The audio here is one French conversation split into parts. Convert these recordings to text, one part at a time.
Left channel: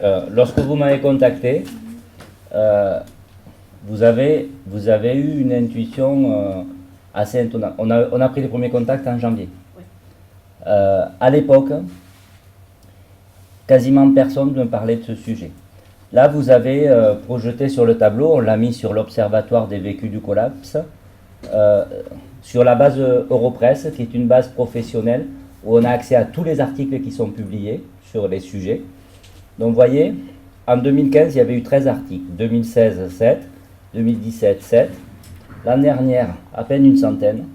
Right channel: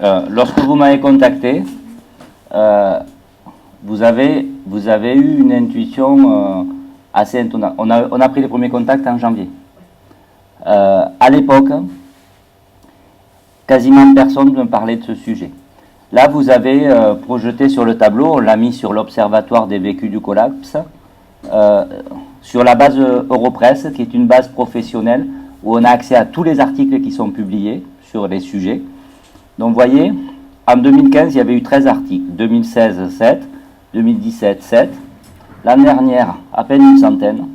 Lorsque vous m'avez contacté, vous avez eu une intuition assez étonnante. On a pris les premiers contacts en janvier. À l'époque, quasiment personne ne parlait de ce sujet. Là, vous avez projeté sur le tableau, on l'a mis sur l'Observatoire des vécus du collapse, sur la base Europresse, qui est une base professionnelle où on a accès à tous les articles qui sont publiés sur les sujets. Donc, vous voyez, en 2015, il y avait eu 13 articles, 2016, 7, 2017, 7, l'année dernière, à peine une centaine.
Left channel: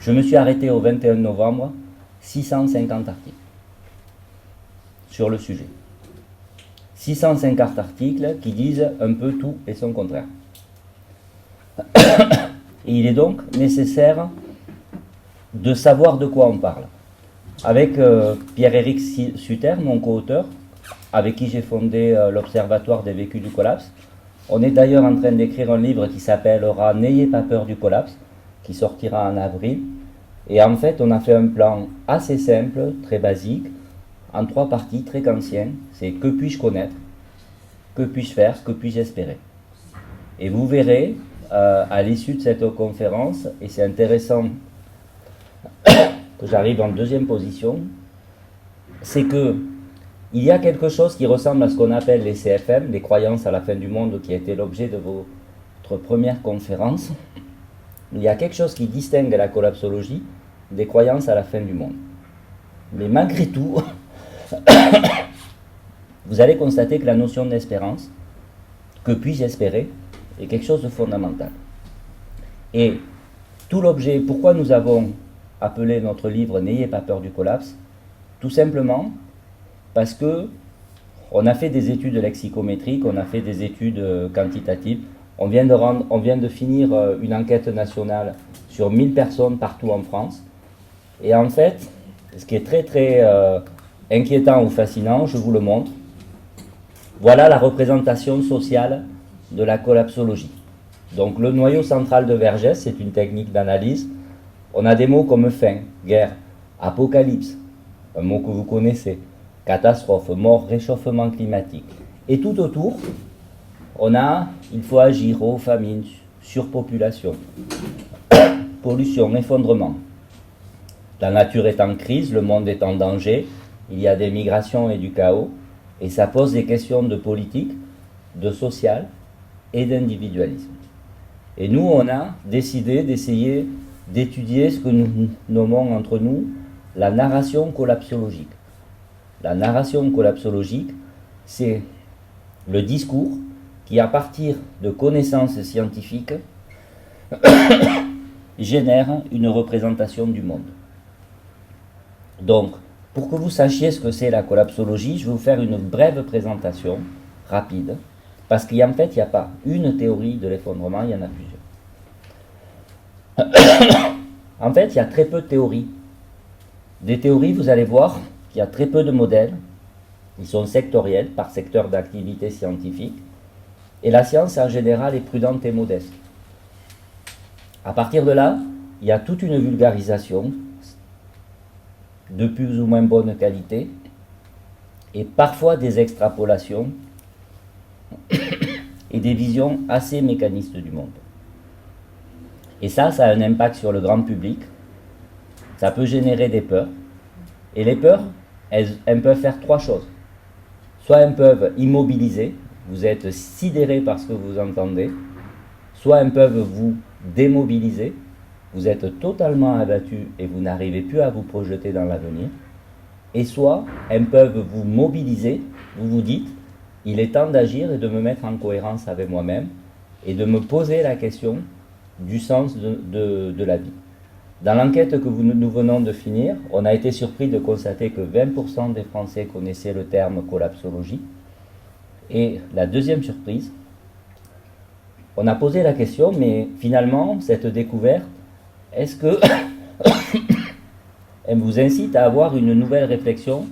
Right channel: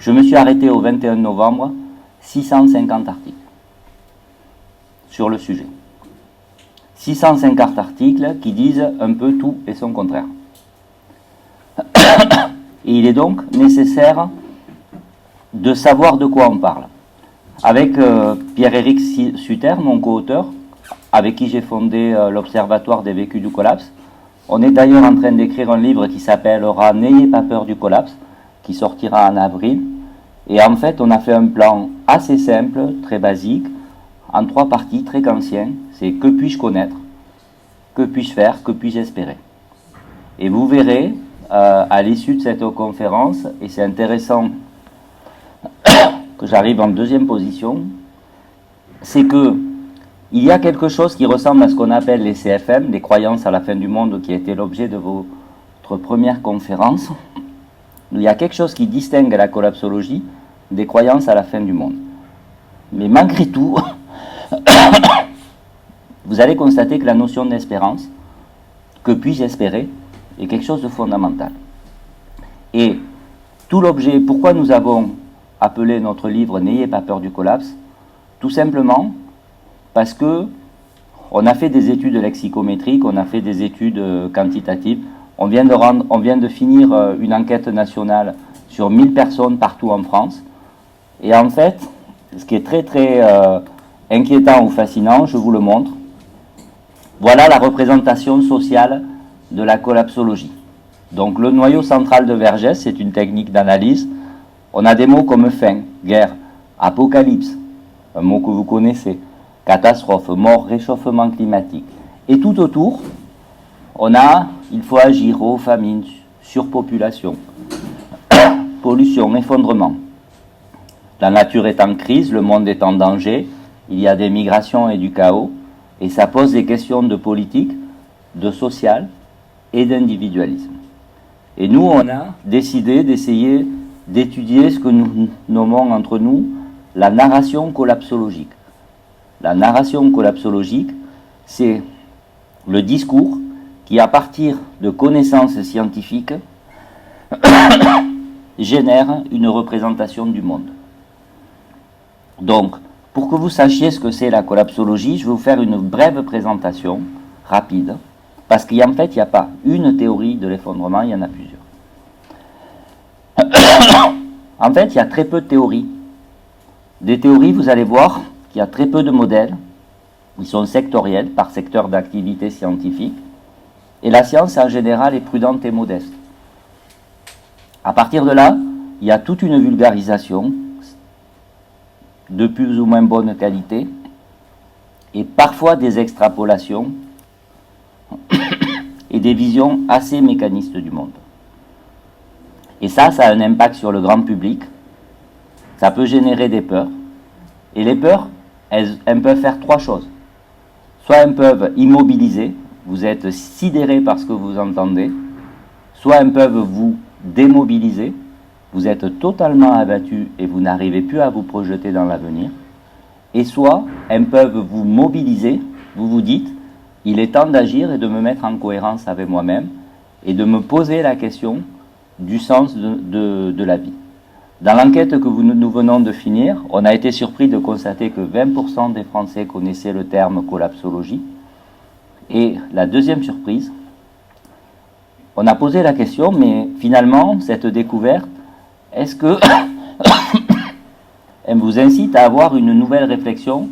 Je me suis arrêté au 21 novembre, 650 articles sur le sujet. 650 articles qui disent un peu tout et son contraire. Et il est donc nécessaire de savoir de quoi on parle. Avec Pierre-Éric Sutter, mon co-auteur, avec qui j'ai fondé l'Observatoire des vécus du collapse, on est d'ailleurs en train d'écrire un livre qui s'appellera « N'ayez pas peur du collapse », qui sortira en avril. Et en fait, on a fait un plan assez simple, très basique, en 3 parties, très kantiennes. C'est que puis-je connaître, que puis-je faire, que puis-je espérer. Et vous verrez, à l'issue de cette conférence, et c'est intéressant que j'arrive en deuxième position, c'est que il y a quelque chose qui ressemble à ce qu'on appelle les CFM, les croyances à la fin du monde, qui a été l'objet de votre première conférence. Il y a quelque chose qui distingue la collapsologie des croyances à la fin du monde. Mais malgré tout, vous allez constater que la notion d'espérance, que puis-je espérer, est quelque chose de fondamental. Et tout l'objet, pourquoi nous avons appelé notre livre « N'ayez pas peur du collapse », tout simplement parce que on a fait des études lexicométriques, on a fait des études quantitatives, on vient de finir une enquête nationale sur 1000 personnes partout en France. Et en fait, ce qui est très très inquiétant ou fascinant, je vous le montre. Voilà la représentation sociale de la collapsologie. Donc le noyau central de Vergès, c'est une technique d'analyse. On a des mots comme fin, guerre, apocalypse, un mot que vous connaissez, catastrophe, mort, réchauffement climatique. Et tout autour, on a il faut agir, eau, famine, surpopulation, pollution, effondrement. La nature est en crise, le monde est en danger, il y a des migrations et du chaos, et ça pose des questions de politique, de social et d'individualisme. Et nous, on a décidé d'essayer d'étudier ce que nous nommons entre nous la narration collapsologique. La narration collapsologique, c'est le discours qui, à partir de connaissances scientifiques, génère une représentation du monde. Donc, pour que vous sachiez ce que c'est la collapsologie, je vais vous faire une brève présentation, rapide, parce qu'en fait, il n'y a pas une théorie de l'effondrement, il y en a plusieurs. En fait, il y a très peu de théories. Des théories, vous allez voir qu'il y a très peu de modèles. Ils sont sectoriels, par secteur d'activité scientifique. Et la science, en général, est prudente et modeste. À partir de là, il y a toute une vulgarisation de plus ou moins bonne qualité et parfois des extrapolations et des visions assez mécanistes du monde. Et ça a un impact sur le grand public. Ça peut générer des peurs. Et les peurs, elles peuvent faire 3 choses. Soit elles peuvent immobiliser, vous êtes sidéré par ce que vous entendez. Soit elles peuvent vous démobiliser, vous êtes totalement abattu et vous n'arrivez plus à vous projeter dans l'avenir. Et soit elles peuvent vous mobiliser, vous vous dites, il est temps d'agir et de me mettre en cohérence avec moi-même et de me poser la question du sens de la vie. Dans l'enquête que nous venons de finir, on a été surpris de constater que 20% des Français connaissaient le terme collapsologie. Et la deuxième surprise, on a posé la question, mais finalement, cette découverte, est-ce que elle vous incite à avoir une nouvelle réflexion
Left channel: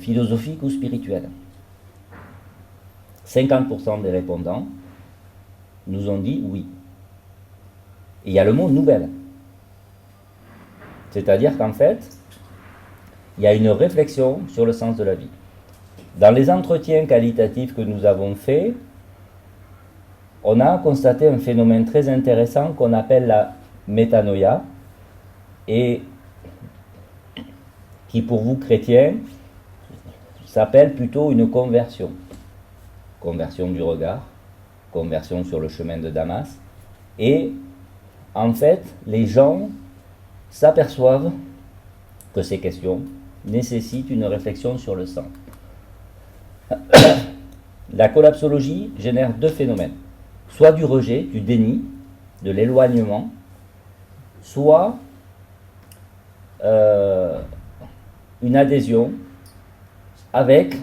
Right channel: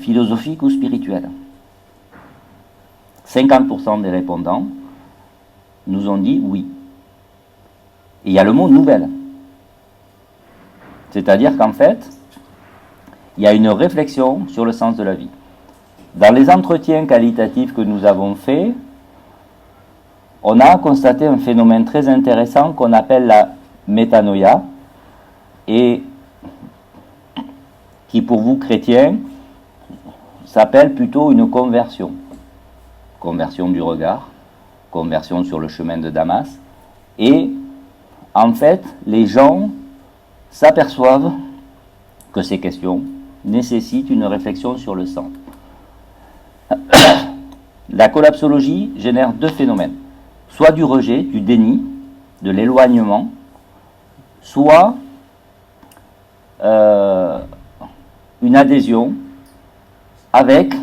philosophique ou spirituelle? 50% des répondants nous ont dit oui. Et il y a le mot nouvelle. C'est-à-dire qu'en fait, il y a une réflexion sur le sens de la vie. Dans les entretiens qualitatifs que nous avons faits, on a constaté un phénomène très intéressant qu'on appelle la métanoïa, et qui pour vous chrétiens s'appelle plutôt une conversion. Conversion du regard, conversion sur le chemin de Damas. Et en fait, les gens s'aperçoivent que ces questions nécessitent une réflexion sur le sens. La collapsologie génère deux phénomènes. Soit du rejet, du déni, de l'éloignement, soit une adhésion avec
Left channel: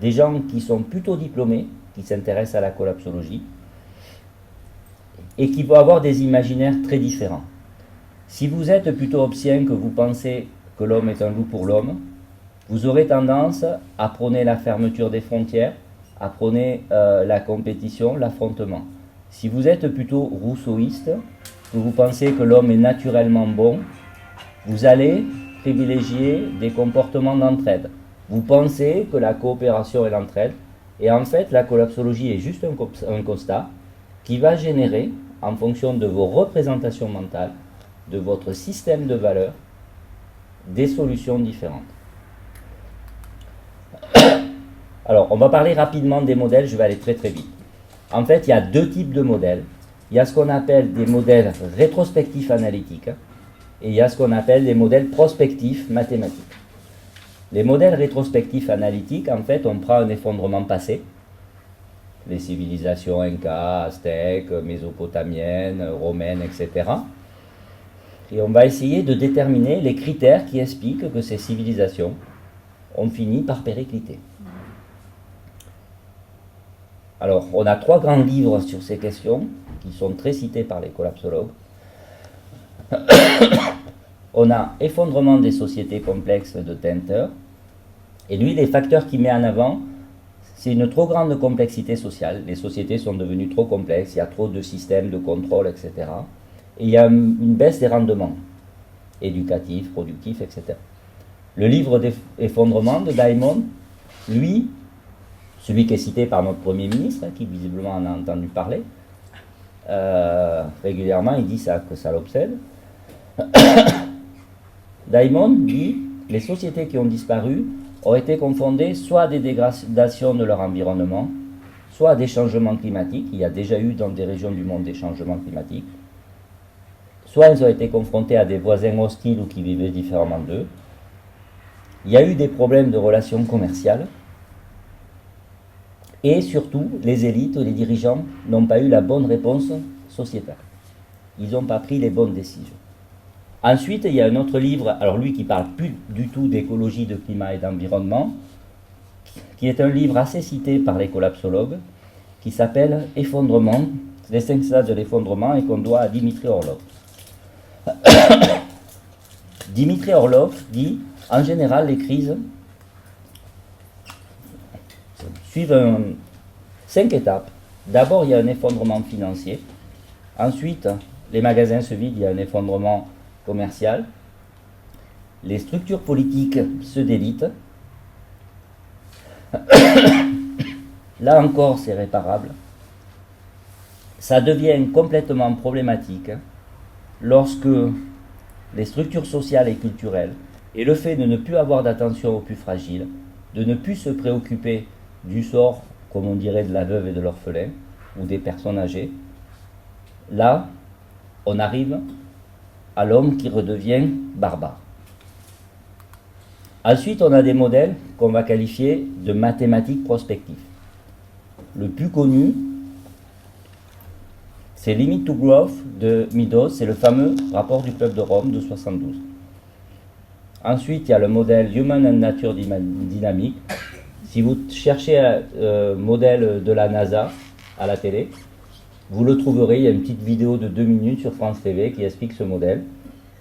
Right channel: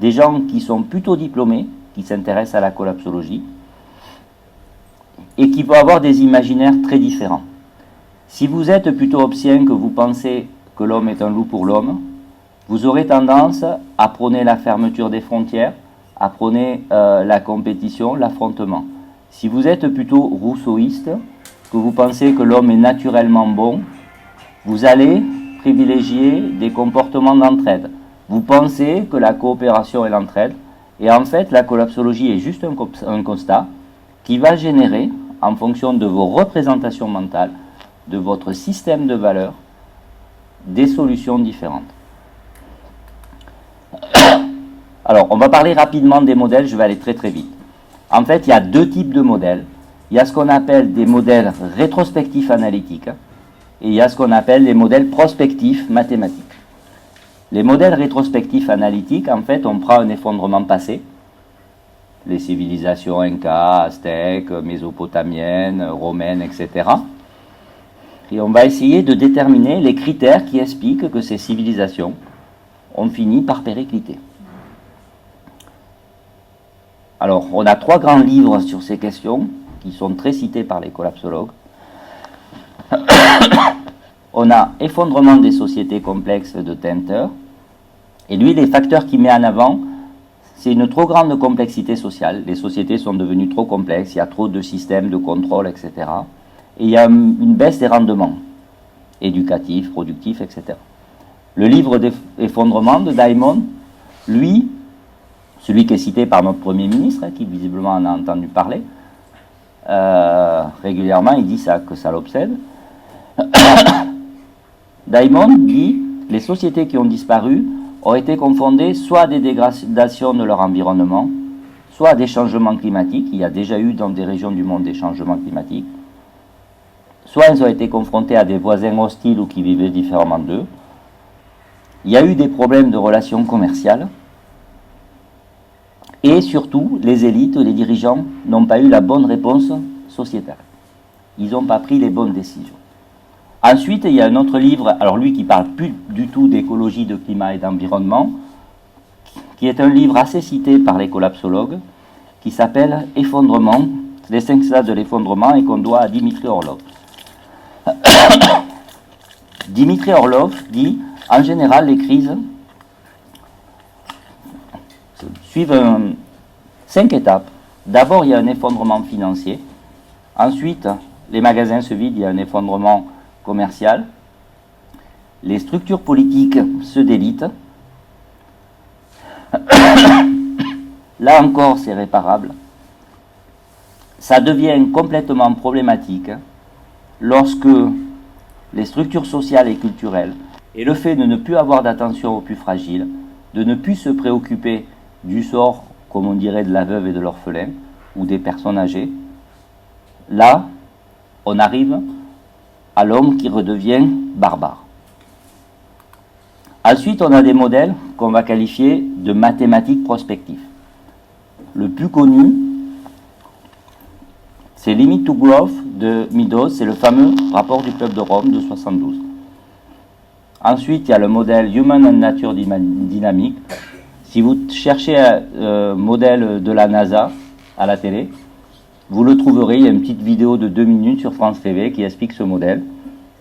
des gens qui sont plutôt diplômés, qui s'intéressent à la collapsologie, et qui vont avoir des imaginaires très différents. Si vous êtes plutôt hobbésien, que vous pensez que l'homme est un loup pour l'homme, vous aurez tendance à prôner la fermeture des frontières, à prôner la compétition, l'affrontement. Si vous êtes plutôt rousseauiste, que vous pensez que l'homme est naturellement bon, vous allez privilégier des comportements d'entraide. Vous pensez que la coopération est l'entraide, et en fait la collapsologie est juste un constat qui va générer, en fonction de vos représentations mentales, de votre système de valeurs, des solutions différentes. Alors, on va parler rapidement des modèles, je vais aller très très vite. En fait, il y a deux types de modèles. Il y a ce qu'on appelle des modèles rétrospectifs analytiques, et il y a ce qu'on appelle les modèles prospectifs mathématiques. Les modèles rétrospectifs analytiques, en fait, on prend un effondrement passé, les civilisations Inca, Aztèques, mésopotamiennes, romaines, etc. Et on va essayer de déterminer les critères qui expliquent que ces civilisations ont fini par péricliter. Alors, on a 3 grands livres sur ces questions, qui sont très cités par les collapsologues. On a Effondrement des sociétés complexes de Tenter. Et lui, les facteurs qu'il met en avant, c'est une trop grande complexité sociale. Les sociétés sont devenues trop complexes, il y a trop de systèmes de contrôle, etc. Et il y a une baisse des rendements éducatifs, productifs, etc. Le livre d'effondrement de Diamond, lui, celui qui est cité par notre Premier ministre, qui visiblement en a entendu parler, régulièrement, il dit ça, que ça l'obsède. Diamond dit que les sociétés qui ont disparu ont été confondées soit à des dégradations de leur environnement, soit à des changements climatiques. Il y a déjà eu dans des régions du monde des changements climatiques. Soit elles ont été confrontées à des voisins hostiles ou qui vivaient différemment d'eux. Il y a eu des problèmes de relations commerciales. Et surtout, les élites, les dirigeants n'ont pas eu la bonne réponse sociétale. Ils n'ont pas pris les bonnes décisions. Ensuite, il y a un autre livre, alors lui qui parle plus du tout d'écologie, de climat et d'environnement, qui est un livre assez cité par les collapsologues, qui s'appelle Effondrement, les 5 stades de l'effondrement, et qu'on doit à Dimitri Orlov. Dimitri Orlov dit, en général, les crises suivent 5 étapes. D'abord, il y a un effondrement financier. Ensuite, les magasins se vident, il y a un effondrement commercial. Les structures politiques se délitent. Là encore, c'est réparable. Ça devient complètement problématique lorsque les structures sociales et culturelles, et le fait de ne plus avoir d'attention aux plus fragiles, de ne plus se préoccuper du sort, comme on dirait, de la veuve et de l'orphelin, ou des personnes âgées, là, on arrive à l'homme qui redevient barbare. Ensuite, on a des modèles qu'on va qualifier de mathématiques prospectives. Le plus connu, c'est Limit to Growth de Meadows, c'est le fameux rapport du peuple de Rome de 72. Ensuite, il y a le modèle Human and Nature Dynamic. Si vous cherchez un modèle de la NASA à la télé, vous le trouverez, il y a une petite vidéo de 2 minutes sur France TV qui explique ce modèle.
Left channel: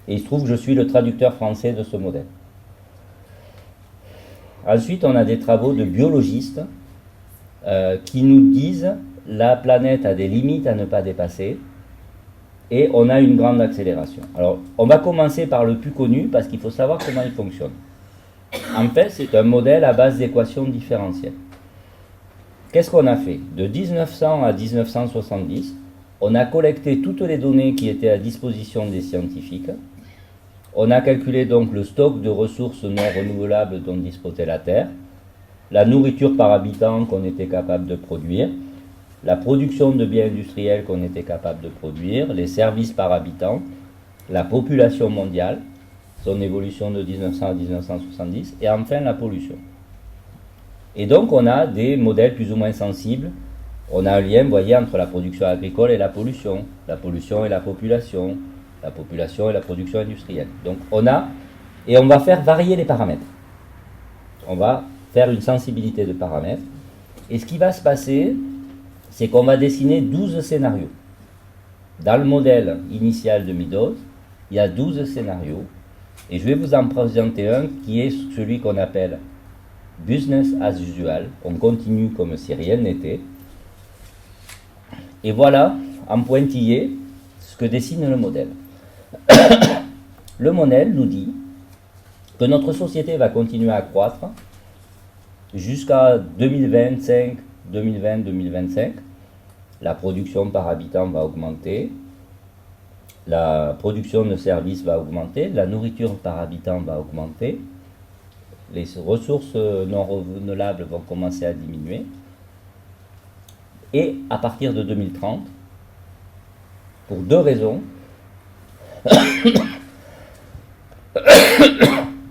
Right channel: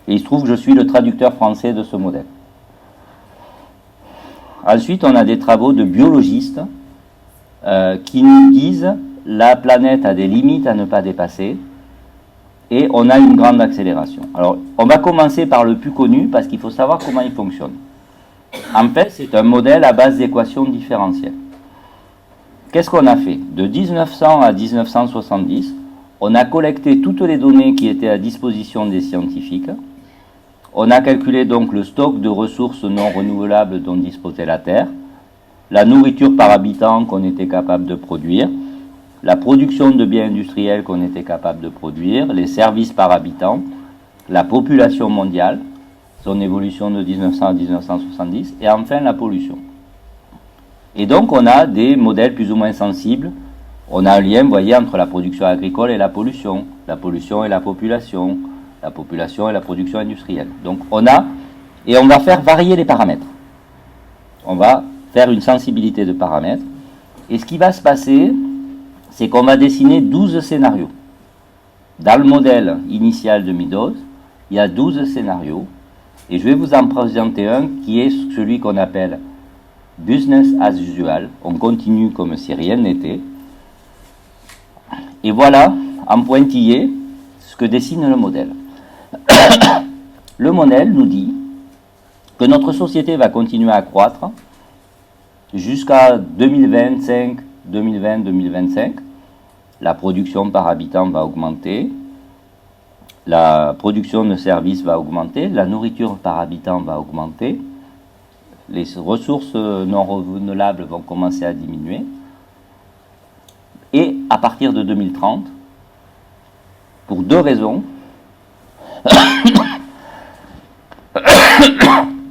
Et il se trouve que je suis le traducteur français de ce modèle. Ensuite, on a des travaux de biologistes qui nous disent la planète a des limites à ne pas dépasser et on a une grande accélération. Alors, on va commencer par le plus connu parce qu'il faut savoir comment il fonctionne. En fait, c'est un modèle à base d'équations différentielles. Qu'est-ce qu'on a fait? De 1900 à 1970, on a collecté toutes les données qui étaient à disposition des scientifiques. On a calculé donc le stock de ressources non renouvelables dont disposait la Terre, la nourriture par habitant qu'on était capable de produire, la production de biens industriels qu'on était capable de produire, les services par habitant, la population mondiale, son évolution de 1900 à 1970, et enfin la pollution. Et donc on a des modèles plus ou moins sensibles. On a un lien, vous voyez, entre la production agricole et la pollution et la population et la production industrielle. Donc on va faire varier les paramètres. On va faire une sensibilité de paramètres. Et ce qui va se passer, c'est qu'on va dessiner 12 scénarios. Dans le modèle initial de Meadows, il y a 12 scénarios. Et je vais vous en présenter un qui est celui qu'on appelle business as usual. On continue comme si rien n'était. Et voilà, en pointillé, ce que dessine le modèle. Le modèle nous dit que notre société va continuer à croître jusqu'à 2025. La production par habitant va augmenter, la production de services va augmenter, la nourriture par habitant va augmenter, les ressources non renouvelables vont commencer à diminuer. Et à partir de 2030, pour deux raisons,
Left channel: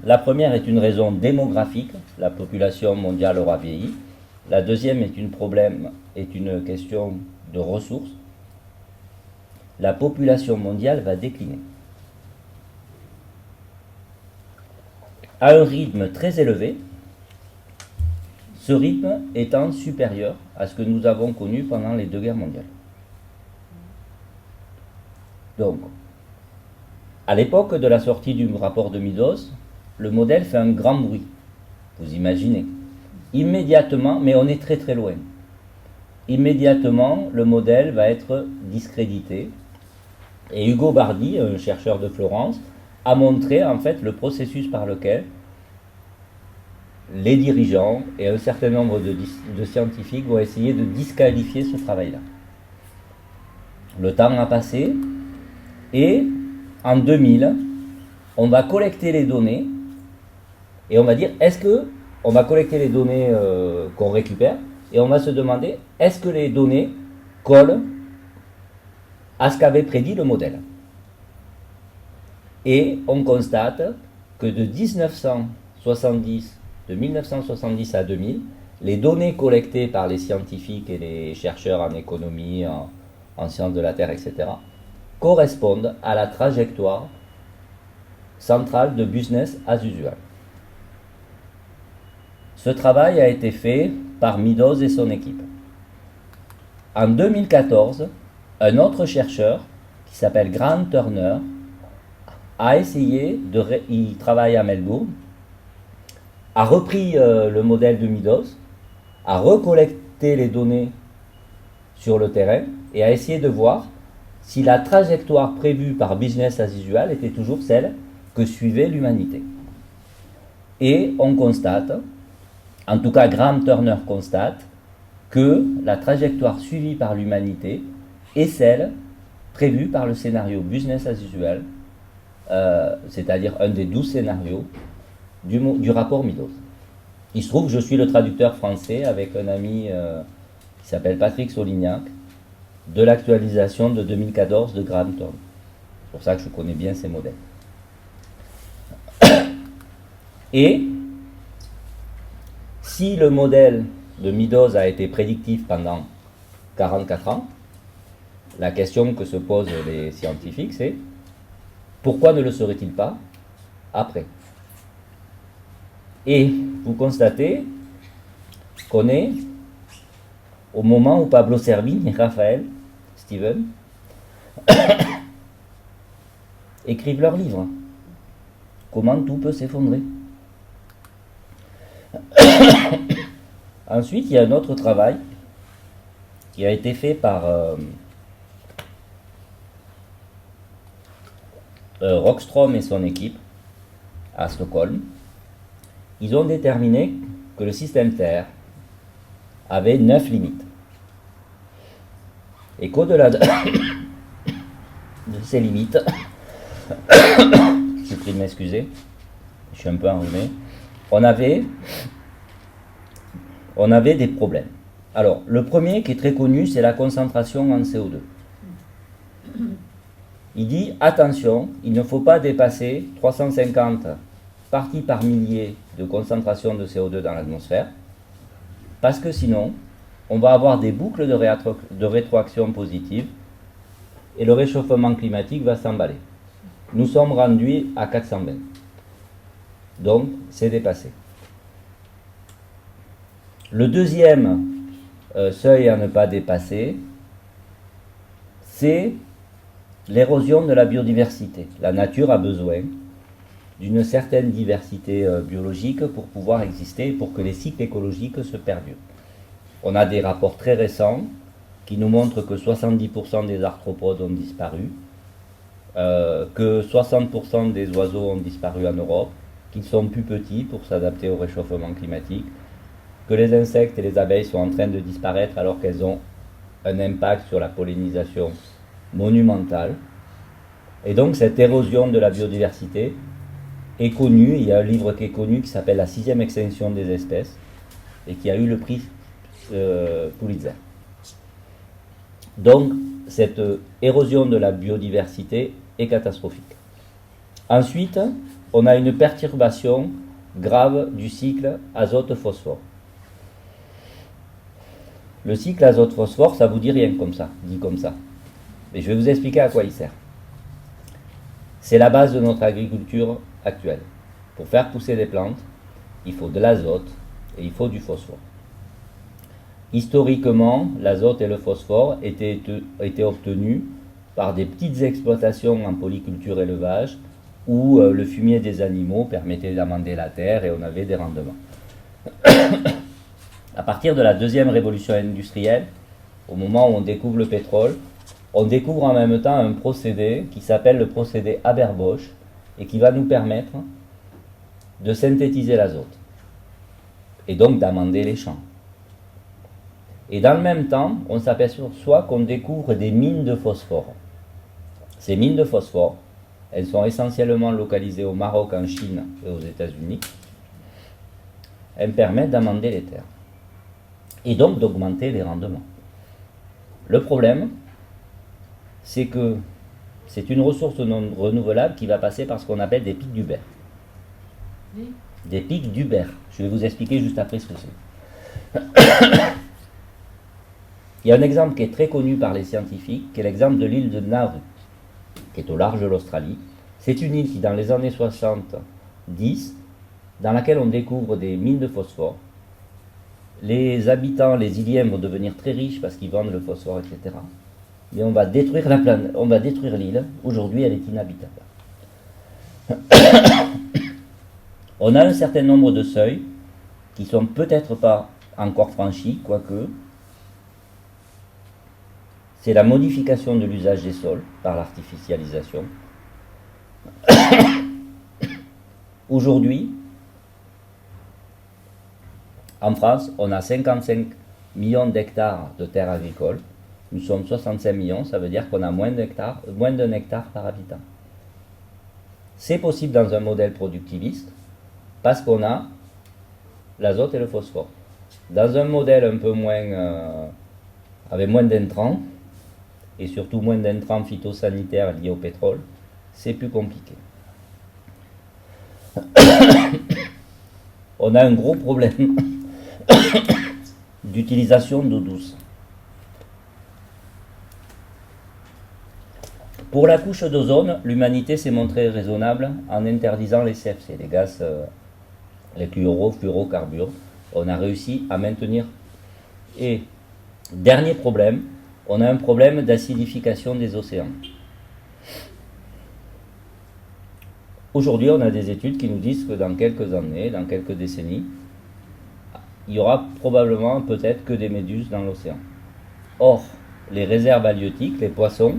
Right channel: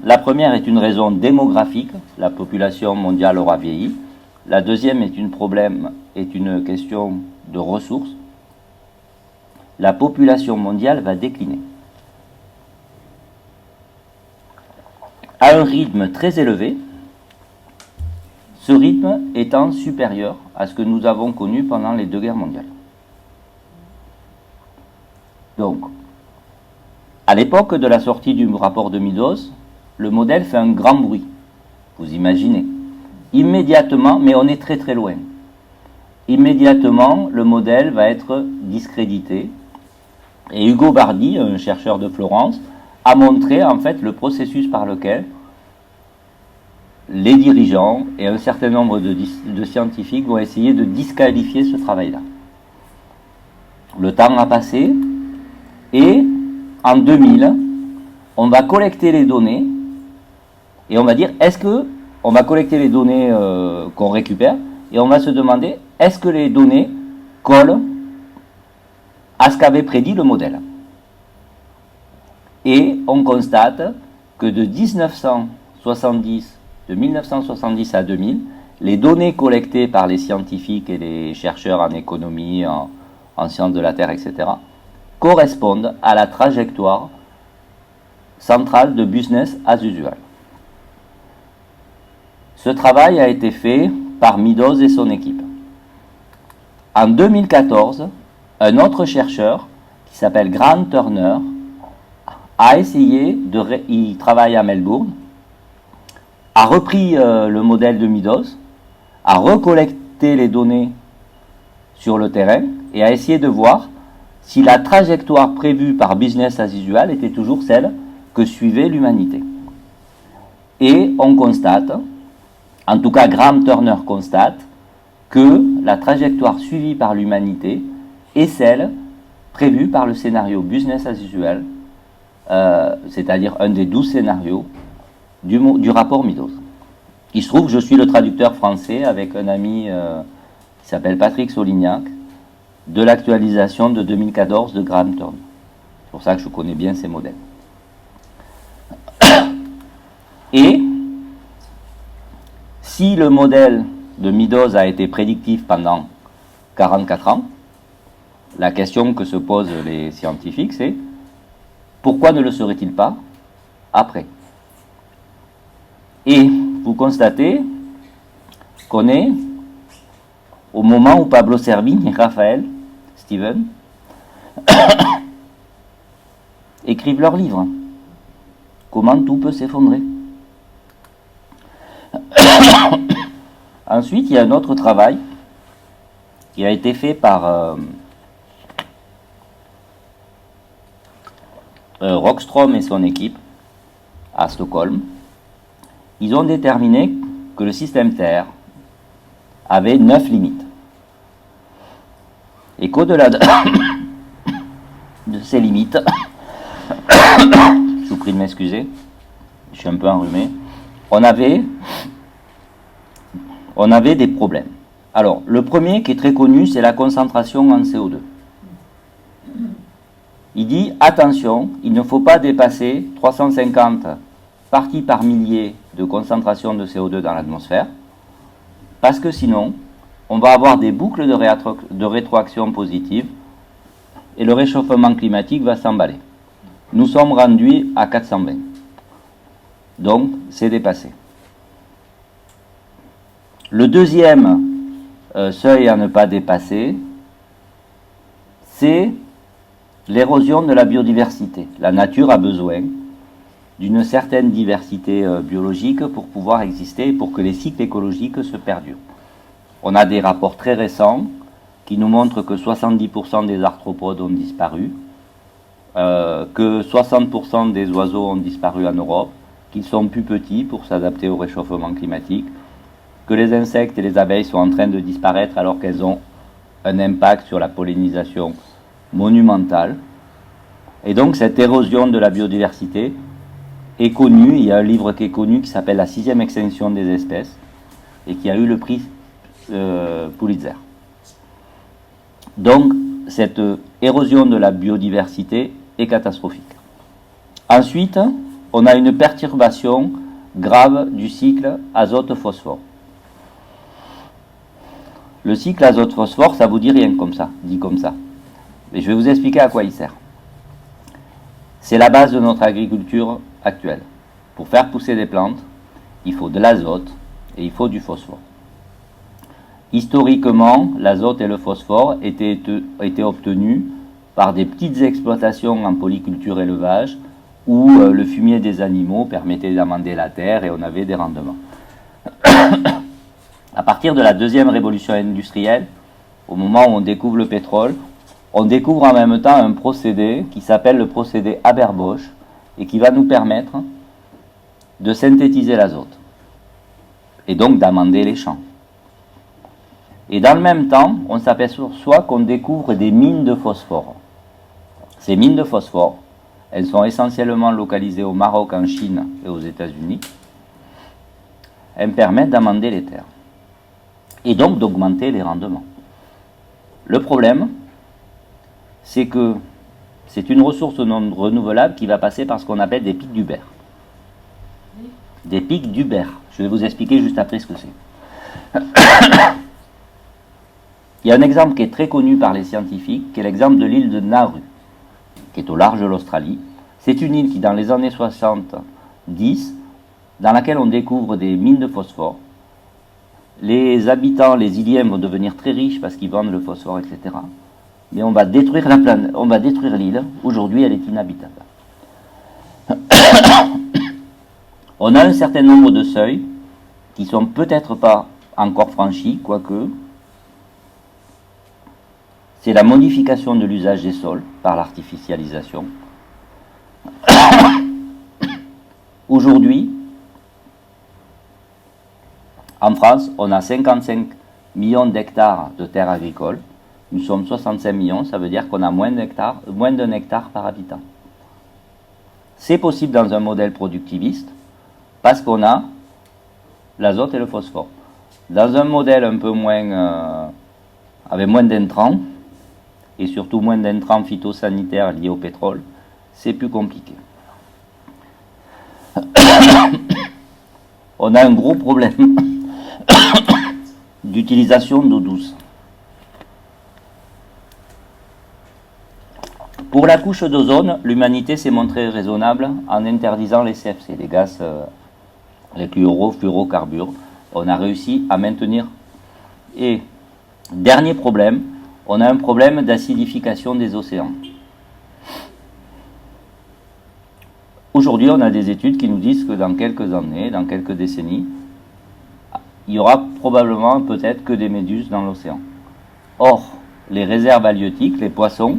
la première est une raison démographique, la population mondiale aura vieilli. La deuxième est une question de ressources. La population mondiale va décliner à un rythme très élevé, ce rythme étant supérieur à ce que nous avons connu pendant les deux guerres mondiales. Donc, à l'époque de la sortie du rapport de Meadows, le modèle fait un grand bruit. Vous imaginez. Immédiatement, mais on est très très loin. Immédiatement, le modèle va être discrédité. Et Ugo Bardi, un chercheur de Florence, a montré en fait le processus par lequel les dirigeants et un certain nombre de scientifiques vont essayer de disqualifier ce travail-là. Le temps a passé et en 2000, on va collecter les données et on va dire on va collecter les données qu'on récupère et on va se demander est-ce que les données collent à ce qu'avait prédit le modèle. Et on constate que de 1970 à 2000, les données collectées par les scientifiques et les chercheurs en économie, en sciences de la Terre, etc., correspondent à la trajectoire centrale de business as usual. Ce travail a été fait par Meadows et son équipe. En 2014, un autre chercheur qui s'appelle Grant Turner a essayé il travaille à Melbourne, a repris le modèle de Meadows, a recollecté les données sur le terrain et a essayé de voir si la trajectoire prévue par business as usual était toujours celle que suivait l'humanité. Et on constate, en tout cas Graham Turner constate, que la trajectoire suivie par l'humanité est celle prévue par le scénario business as usual, c'est-à-dire un des 12 scénarios du rapport Meadows. Il se trouve que je suis le traducteur français avec un ami qui s'appelle Patrick Solignac de l'actualisation de 2014 de Graham Turner. C'est pour ça que je connais bien ces modèles. Et si le modèle de Meadows a été prédictif pendant 44 ans, la question que se posent les scientifiques, c'est pourquoi ne le serait-il pas après? Et vous constatez qu'on est au moment où Pablo Servigne et Raphaël Steven écrivent leur livre. Comment tout peut s'effondrer. Ensuite, il y a un autre travail qui a été fait par Rockström et son équipe à Stockholm, ils ont déterminé que le système Terre avait 9 limites. Et qu'au-delà de ces limites, je vous prie de m'excuser, je suis un peu enrhumé, on avait des problèmes. Alors, le premier qui est très connu, c'est la concentration en CO2. Il dit, attention, il ne faut pas dépasser 350 parties par millier de concentration de CO2 dans l'atmosphère, parce que sinon, on va avoir des boucles de rétroaction positive et le réchauffement climatique va s'emballer. Nous sommes rendus à 420. Donc, c'est dépassé. Le deuxième seuil à ne pas dépasser, c'est l'érosion de la biodiversité. La nature a besoin d'une certaine diversité biologique pour pouvoir exister et pour que les cycles écologiques se perdurent. On a des rapports très récents qui nous montrent que 70% des arthropodes ont disparu, que 60% des oiseaux ont disparu en Europe, qu'ils sont plus petits pour s'adapter au réchauffement climatique, que les insectes et les abeilles sont en train de disparaître alors qu'elles ont un impact sur la pollinisation monumentale. Et donc cette érosion de la biodiversité est connue. Il y a un livre qui est connu qui s'appelle La 6e extinction des espèces et qui a eu le prix Pulitzer. Donc cette érosion de la biodiversité est catastrophique. Ensuite, on a une perturbation grave du cycle azote-phosphore. Le cycle azote-phosphore, ça vous dit rien comme ça, dit comme ça. Mais je vais vous expliquer à quoi il sert. C'est la base de notre agriculture actuelle. Pour faire pousser des plantes, il faut de l'azote et il faut du phosphore. Historiquement, l'azote et le phosphore étaient obtenus par des petites exploitations en polyculture élevage où le fumier des animaux permettait d'amender la terre et on avait des rendements. À partir de la deuxième révolution industrielle, au moment où on découvre le pétrole, on découvre en même temps un procédé qui s'appelle le procédé Haber-Bosch et qui va nous permettre de synthétiser l'azote et donc d'amender les champs. Et dans le même temps, on s'aperçoit qu'on découvre des mines de phosphore. Ces mines de phosphore, elles sont essentiellement localisées au Maroc, en Chine et aux États-Unis. Elles permettent d'amender les terres et donc d'augmenter les rendements. Le problème, c'est que c'est une ressource non renouvelable qui va passer par ce qu'on appelle des pics d'Huber. Oui. Des pics d'Huber. Je vais vous expliquer juste après ce que c'est. Il y a un exemple qui est très connu par les scientifiques, qui est l'exemple de l'île de Nauru, qui est au large de l'Australie. C'est une île qui, dans les années 70, dans laquelle on découvre des mines de phosphore. Les habitants, les Iliens, vont devenir très riches parce qu'ils vendent le phosphore, etc. Mais on va détruire la planète, on va détruire l'île. Aujourd'hui, elle est inhabitable. On a un certain nombre de seuils qui ne sont peut-être pas encore franchis, quoique. C'est la modification de l'usage des sols par l'artificialisation. Aujourd'hui, en France, on a 55 millions d'hectares de terres agricoles. Nous sommes 65 millions, ça veut dire qu'on a moins d'un hectare par habitant. C'est possible dans un modèle productiviste parce qu'on a l'azote et le phosphore. Dans un modèle un peu moins, avec moins d'intrants, et surtout moins d'intrants phytosanitaires liés au pétrole, c'est plus compliqué. On a un gros problème d'utilisation d'eau douce. Pour la couche d'ozone, l'humanité s'est montrée raisonnable en interdisant les CFC, les gaz, les fluorocarbures. On a réussi à maintenir. Et dernier problème, on a un problème d'acidification des océans. Aujourd'hui, on a des études qui nous disent que dans quelques années, dans quelques décennies, il y aura probablement peut-être que des méduses dans l'océan. Or, les réserves halieutiques, les poissons,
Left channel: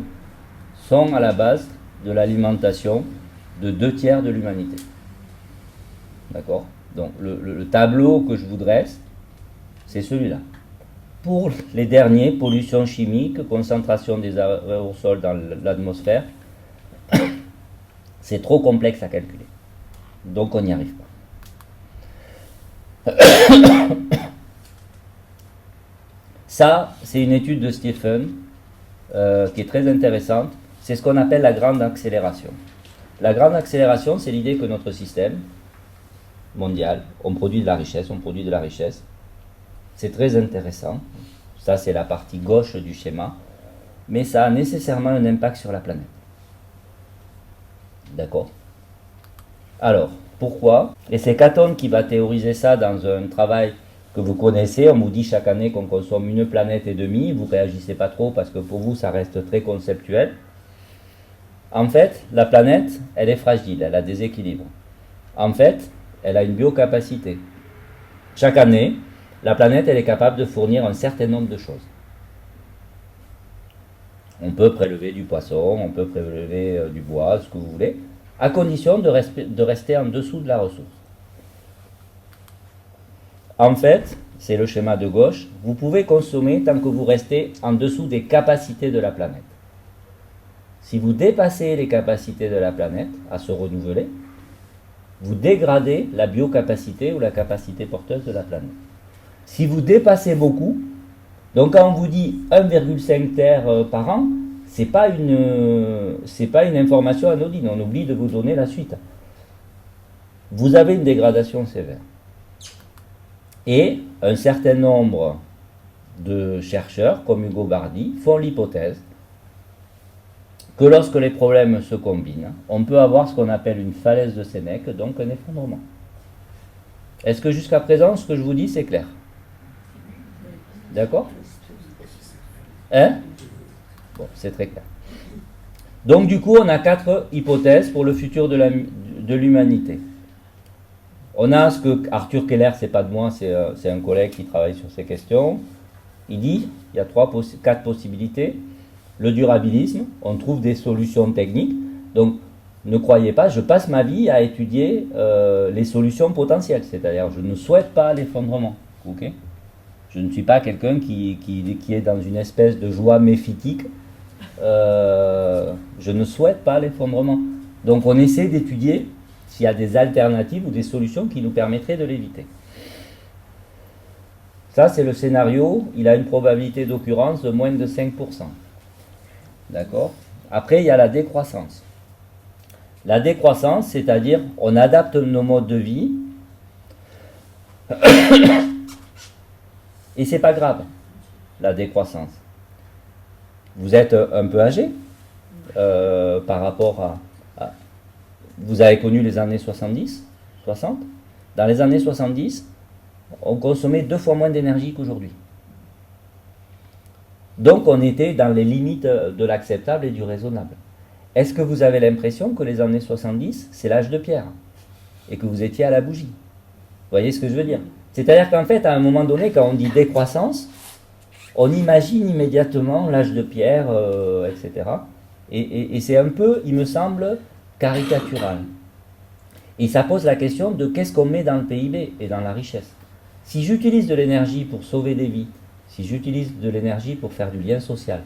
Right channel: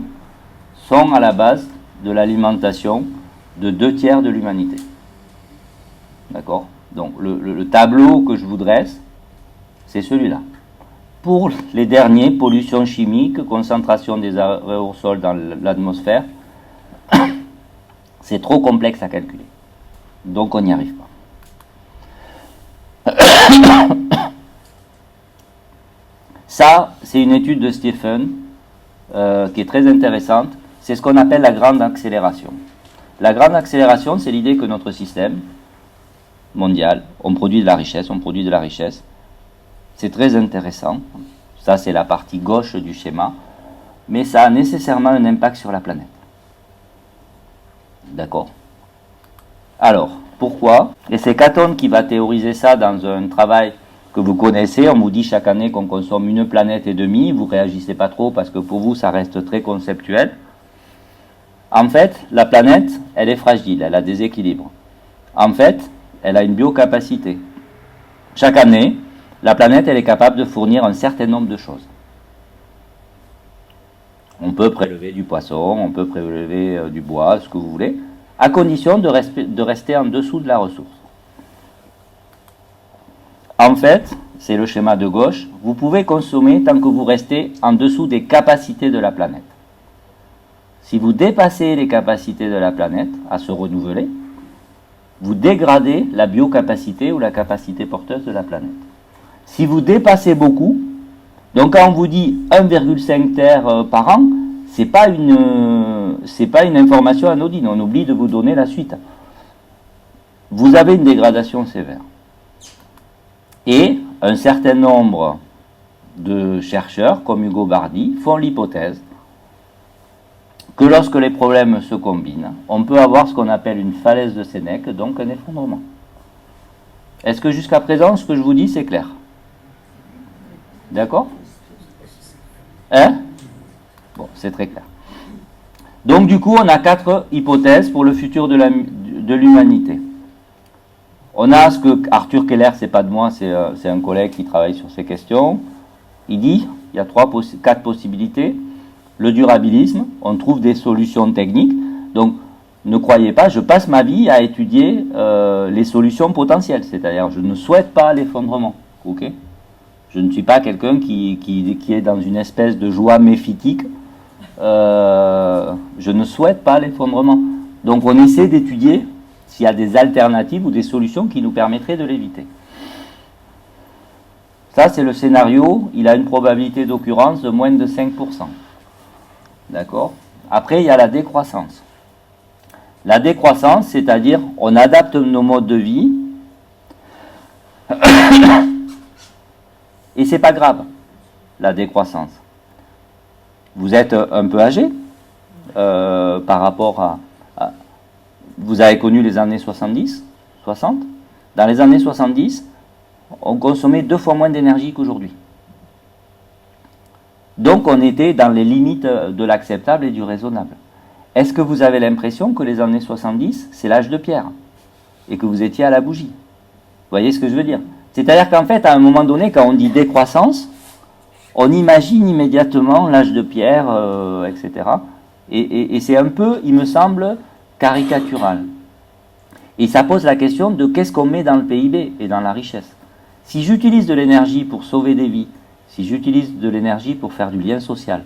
sont à la base de l'alimentation de 2/3 de l'humanité. D'accord? Donc le tableau que je vous dresse, c'est celui-là. Pour les derniers, pollution chimique, concentration des aérosols dans l'atmosphère, c'est trop complexe à calculer. Donc on n'y arrive pas. Ça, c'est une étude de Stephen qui est très intéressante. C'est ce qu'on appelle la grande accélération. La grande accélération, c'est l'idée que notre système mondial, on produit de la richesse, on produit de la richesse. C'est très intéressant. Ça, c'est la partie gauche du schéma. Mais ça a nécessairement un impact sur la planète. D'accord? Alors, pourquoi? Et c'est Catton qui va théoriser ça dans un travail que vous connaissez. On vous dit chaque année qu'on consomme une planète et demie. Vous ne réagissez pas trop parce que pour vous, ça reste très conceptuel. En fait, la planète, elle est fragile, elle a des équilibres. En fait, elle a une biocapacité. Chaque année, la planète, elle est capable de fournir un certain nombre de choses. On peut prélever du poisson, on peut prélever du bois, ce que vous voulez, à condition de rester en dessous de la ressource. En fait, c'est le schéma de gauche, vous pouvez consommer tant que vous restez en dessous des capacités de la planète. Si vous dépassez les capacités de la planète à se renouveler, vous dégradez la biocapacité ou la capacité porteuse de la planète. Si vous dépassez beaucoup, donc quand on vous dit 1,5 terres par an, c'est pas une information anodine, on oublie de vous donner la suite. Vous avez une dégradation sévère. Et un certain nombre de chercheurs, comme Hugo Bardi, font l'hypothèse que lorsque les problèmes se combinent, on peut avoir ce qu'on appelle une falaise de Sénèque, donc un effondrement. Est-ce que jusqu'à présent, ce que je vous dis, c'est clair? D'accord? Hein? Bon, c'est très clair. Donc du coup, on a 4 hypothèses pour le futur de l'humanité. On a ce que Arthur Keller, c'est pas de moi, c'est un collègue qui travaille sur ces questions. Il dit, il y a 4 possibilités. Le durabilisme, on trouve des solutions techniques. Donc, ne croyez pas, je passe ma vie à étudier les solutions potentielles. C'est-à-dire, je ne souhaite pas l'effondrement. Ok? Je ne suis pas quelqu'un qui est dans une espèce de joie méphitique. Je ne souhaite pas l'effondrement. Donc, on essaie d'étudier s'il y a des alternatives ou des solutions qui nous permettraient de l'éviter. Ça, c'est le scénario. Il a une probabilité d'occurrence de moins de 5%. D'accord? Après, il y a la décroissance. La décroissance, c'est-à-dire, on adapte nos modes de vie, et c'est pas grave, la décroissance. Vous êtes un peu âgé par rapport à... Vous avez connu les années 70, 60. Dans les années 70, on consommait 2 fois moins d'énergie qu'aujourd'hui. Donc on était dans les limites de l'acceptable et du raisonnable. Est-ce que vous avez l'impression que les années 70, c'est l'âge de pierre et que vous étiez à la bougie? Vous voyez ce que je veux dire? C'est-à-dire qu'en fait, à un moment donné, quand on dit décroissance, on imagine immédiatement l'âge de pierre, etc. Et c'est un peu, il me semble, caricatural. Et ça pose la question de qu'est-ce qu'on met dans le PIB et dans la richesse. Si j'utilise de l'énergie pour sauver des vies, si j'utilise de l'énergie pour faire du lien social,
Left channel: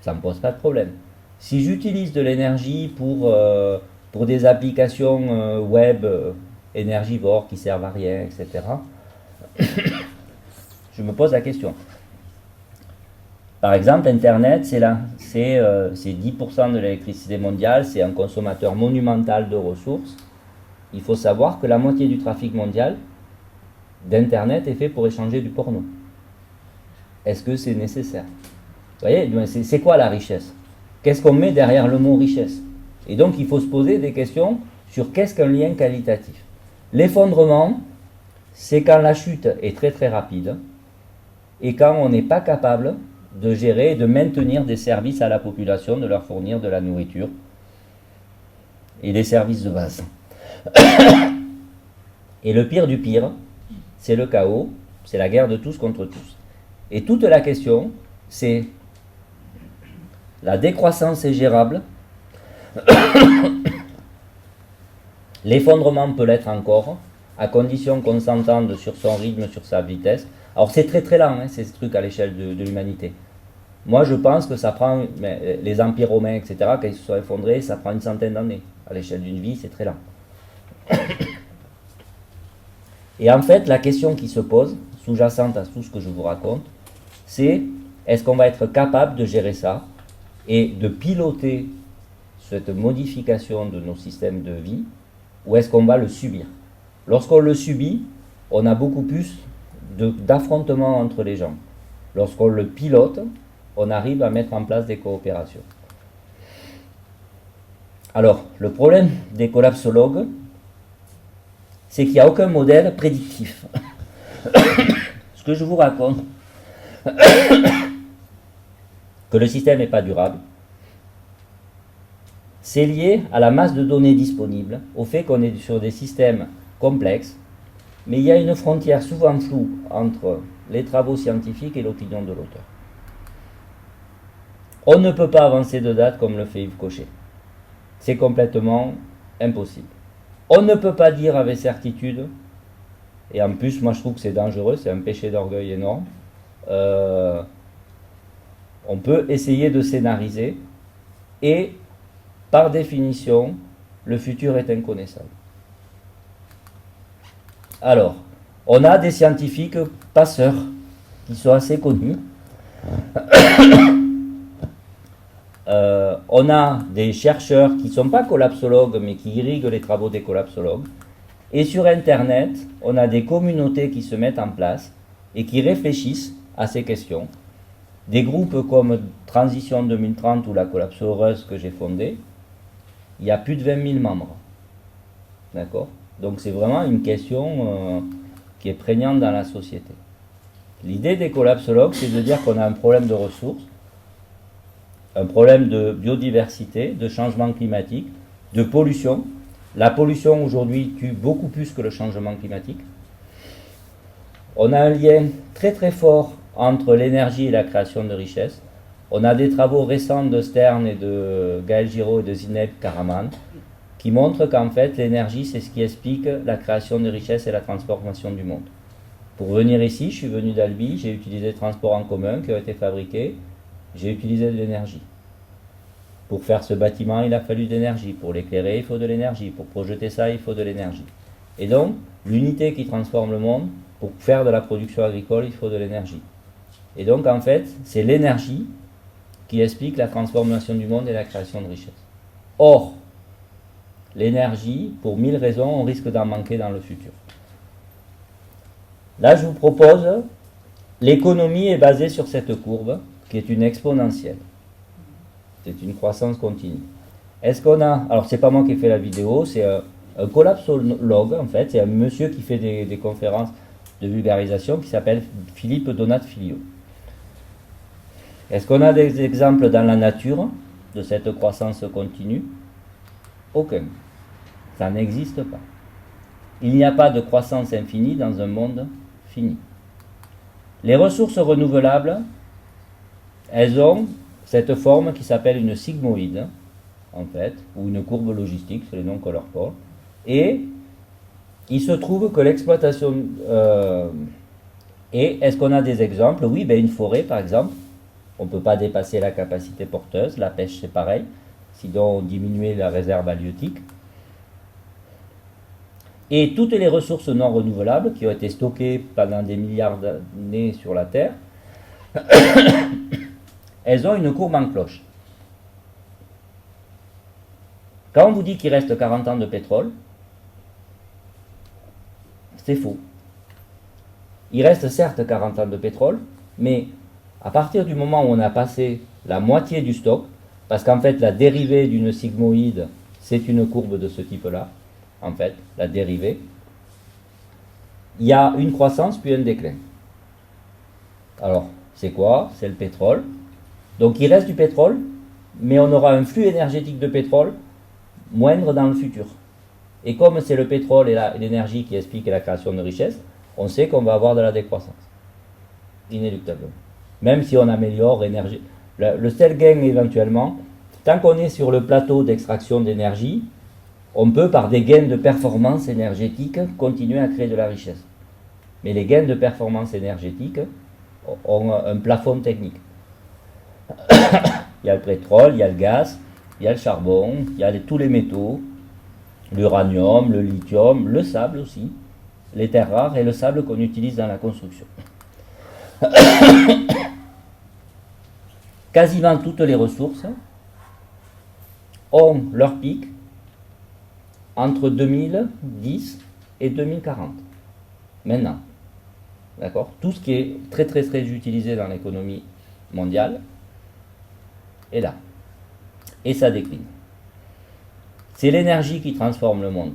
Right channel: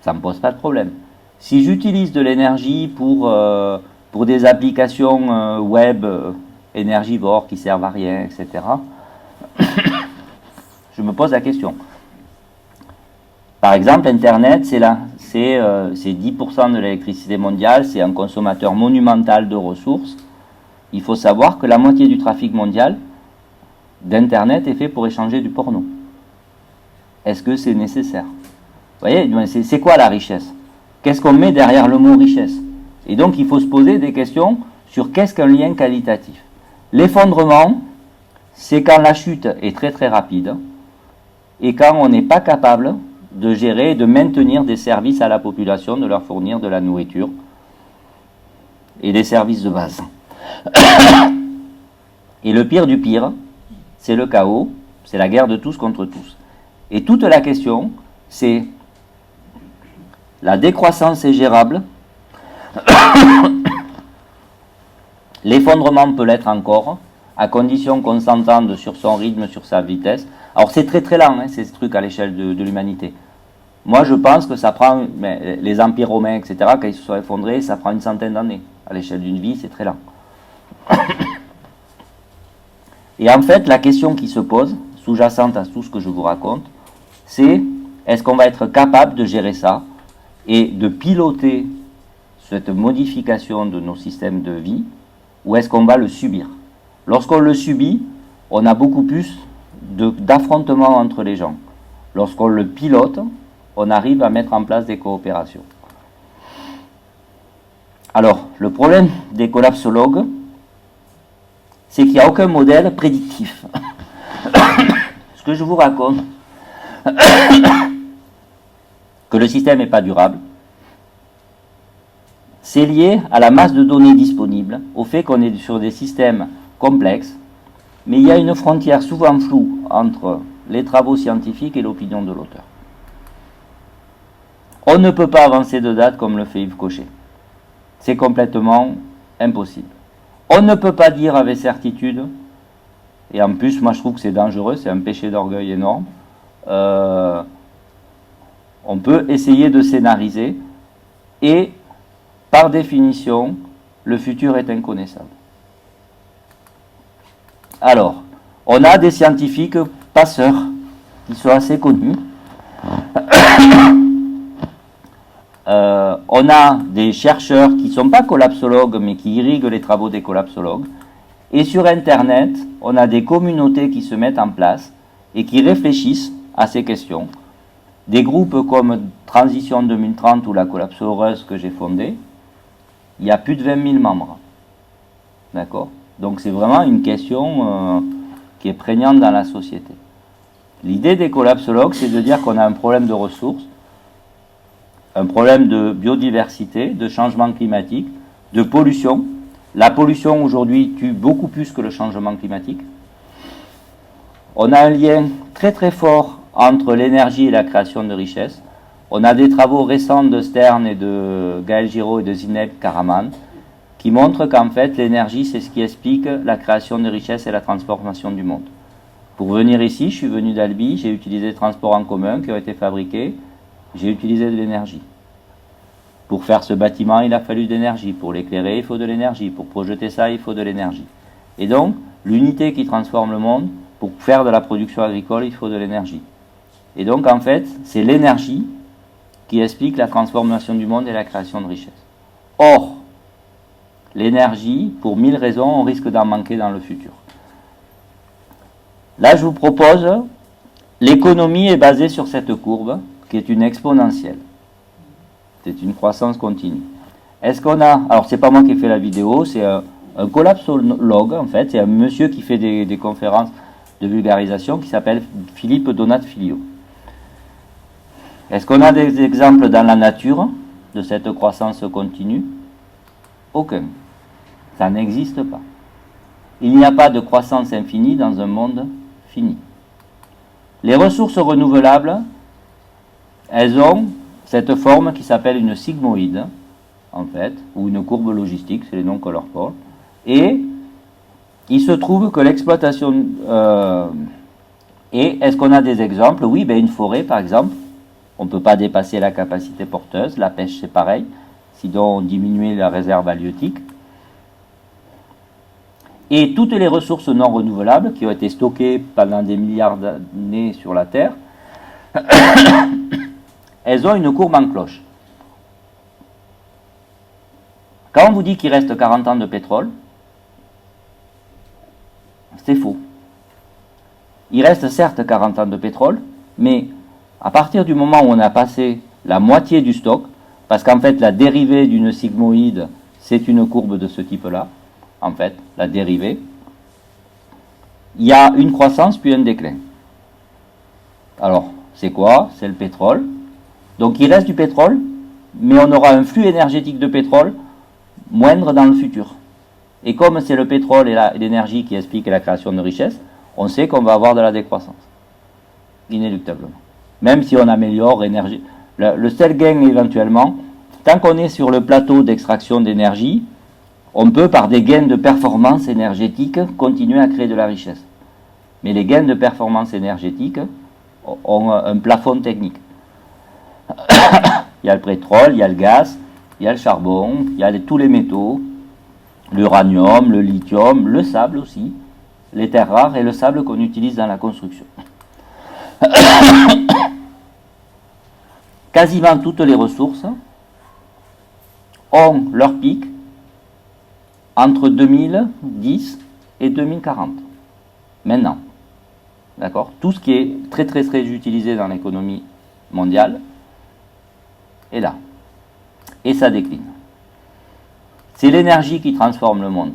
ça ne me pose pas de problème. Si j'utilise de l'énergie pour des applications web énergivores qui servent à rien, etc., je me pose la question. Par exemple, Internet, c'est 10% de l'électricité mondiale, c'est un consommateur monumental de ressources. Il faut savoir que la moitié du trafic mondial d'Internet est fait pour échanger du porno. Est-ce que c'est nécessaire? Vous voyez, c'est quoi la richesse? Qu'est-ce qu'on met derrière le mot richesse? Et donc, il faut se poser des questions sur qu'est-ce qu'un lien qualitatif. L'effondrement, c'est quand la chute est très très rapide et quand on n'est pas capable de gérer et de maintenir des services à la population, de leur fournir de la nourriture et des services de base. Et le pire du pire, c'est le chaos, c'est la guerre de tous contre tous. Et toute la question, c'est la décroissance est gérable L'effondrement peut l'être encore, à condition qu'on s'entende sur son rythme, sur sa vitesse. Alors c'est très très lent, hein, ces trucs à l'échelle de l'humanité. Moi je pense que ça prend, mais les empires romains, etc., quand ils se sont effondrés, ça prend une centaine d'années. À l'échelle d'une vie, c'est très lent. Et en fait, la question qui se pose, sous-jacente à tout ce que je vous raconte, c'est est-ce qu'on va être capable de gérer ça et de piloter cette modification de nos systèmes de vie, ou est-ce qu'on va le subir? Lorsqu'on le subit, on a beaucoup plus d'affrontements entre les gens. Lorsqu'on le pilote, on arrive à mettre en place des coopérations. Alors, le problème des collapsologues, c'est qu'il n'y a aucun modèle prédictif. Ce que je vous raconte, que le système n'est pas durable, c'est lié à la masse de données disponibles, au fait qu'on est sur des systèmes complexes, mais il y a une frontière souvent floue entre les travaux scientifiques et l'opinion de l'auteur. On ne peut pas avancer de date comme le fait Yves Cochet. C'est complètement impossible. On ne peut pas dire avec certitude, et en plus moi je trouve que c'est dangereux, c'est un péché d'orgueil énorme, on peut essayer de scénariser, et par définition, le futur est inconnaissable. Alors, on a des scientifiques passeurs qui sont assez connus. On a des chercheurs qui ne sont pas collapsologues, mais qui irriguent les travaux des collapsologues. Et sur Internet, on a des communautés qui se mettent en place et qui réfléchissent à ces questions. Des groupes comme Transition 2030 ou la collapsoreuse que j'ai fondée, il y a plus de 20 000 membres. D'accord? Donc c'est vraiment une question qui est prégnante dans la société. L'idée des collapsologues, c'est de dire qu'on a un problème de ressources, un problème de biodiversité, de changement climatique, de pollution. La pollution aujourd'hui tue beaucoup plus que le changement climatique. On a un lien très très fort entre l'énergie et la création de richesses. On a des travaux récents de Stern et de Gaël Giraud et de Zineb Karaman qui montrent qu'en fait l'énergie c'est ce qui explique la création de richesses et la transformation du monde. Pour venir ici, je suis venu d'Albi, j'ai utilisé des transports en commun qui ont été fabriqués, j'ai utilisé de l'énergie. Pour faire ce bâtiment, il a fallu de l'énergie. Pour l'éclairer, il faut de l'énergie. Pour projeter ça, il faut de l'énergie. Et donc, l'unité qui transforme le monde, pour faire de la production agricole, il faut de l'énergie. Et donc, en fait, c'est l'énergie qui explique la transformation du monde et la création de richesses. Or, l'énergie, pour 1000 raisons, on risque d'en manquer dans le futur. Là, je vous propose, l'économie est basée sur cette courbe, qui est une exponentielle. C'est une croissance continue. Est-ce qu'on a... Alors, c'est pas moi qui ai fait la vidéo, c'est un collapsologue, en fait. C'est un monsieur qui fait des conférences de vulgarisation qui s'appelle Philippe Donat-Filio. Est-ce qu'on a des exemples dans la nature de cette croissance continue? Aucun. Ça n'existe pas. Il n'y a pas de croissance infinie dans un monde fini. Les ressources renouvelables, elles ont cette forme qui s'appelle une sigmoïde, en fait, ou une courbe logistique, c'est les noms qu'on leur porte. Et il se trouve que l'exploitation... et est-ce qu'on a des exemples? Oui, ben une forêt, par exemple, on ne peut pas dépasser la capacité porteuse. La pêche, c'est pareil, sinon on diminuait la réserve halieutique. Et toutes les ressources non renouvelables qui ont été stockées pendant des milliards d'années sur la Terre, elles ont une courbe en cloche. Quand on vous dit qu'il reste 40 ans de pétrole, c'est faux. Il reste certes 40 ans de pétrole, mais à partir du moment où on a passé la moitié du stock, parce qu'en fait la dérivée d'une sigmoïde, c'est une courbe de ce type-là, en fait, la dérivée, il y a une croissance puis un déclin. Alors, c'est quoi? C'est le pétrole. Donc il reste du pétrole, mais on aura un flux énergétique de pétrole moindre dans le futur. Et comme c'est le pétrole et l'énergie qui expliquent la création de richesses, on sait qu'on va avoir de la décroissance, inéluctablement. Même si on améliore l'énergie. Le seul gain éventuellement, tant qu'on est sur le plateau d'extraction d'énergie, On peut, par des gains de performance énergétique, continuer à créer de la richesse. Mais les gains de performance énergétique ont un plafond technique. Il y a le pétrole, il y a le gaz, il y a le charbon, il y a tous les métaux, l'uranium, le lithium, le sable aussi, les terres rares et le sable qu'on utilise dans la construction. Quasiment toutes les ressources ont leur pic entre 2010 et 2040. Maintenant, d'accord, tout ce qui est très très très utilisé dans l'économie mondiale est là. Et ça décline. C'est l'énergie qui transforme le monde.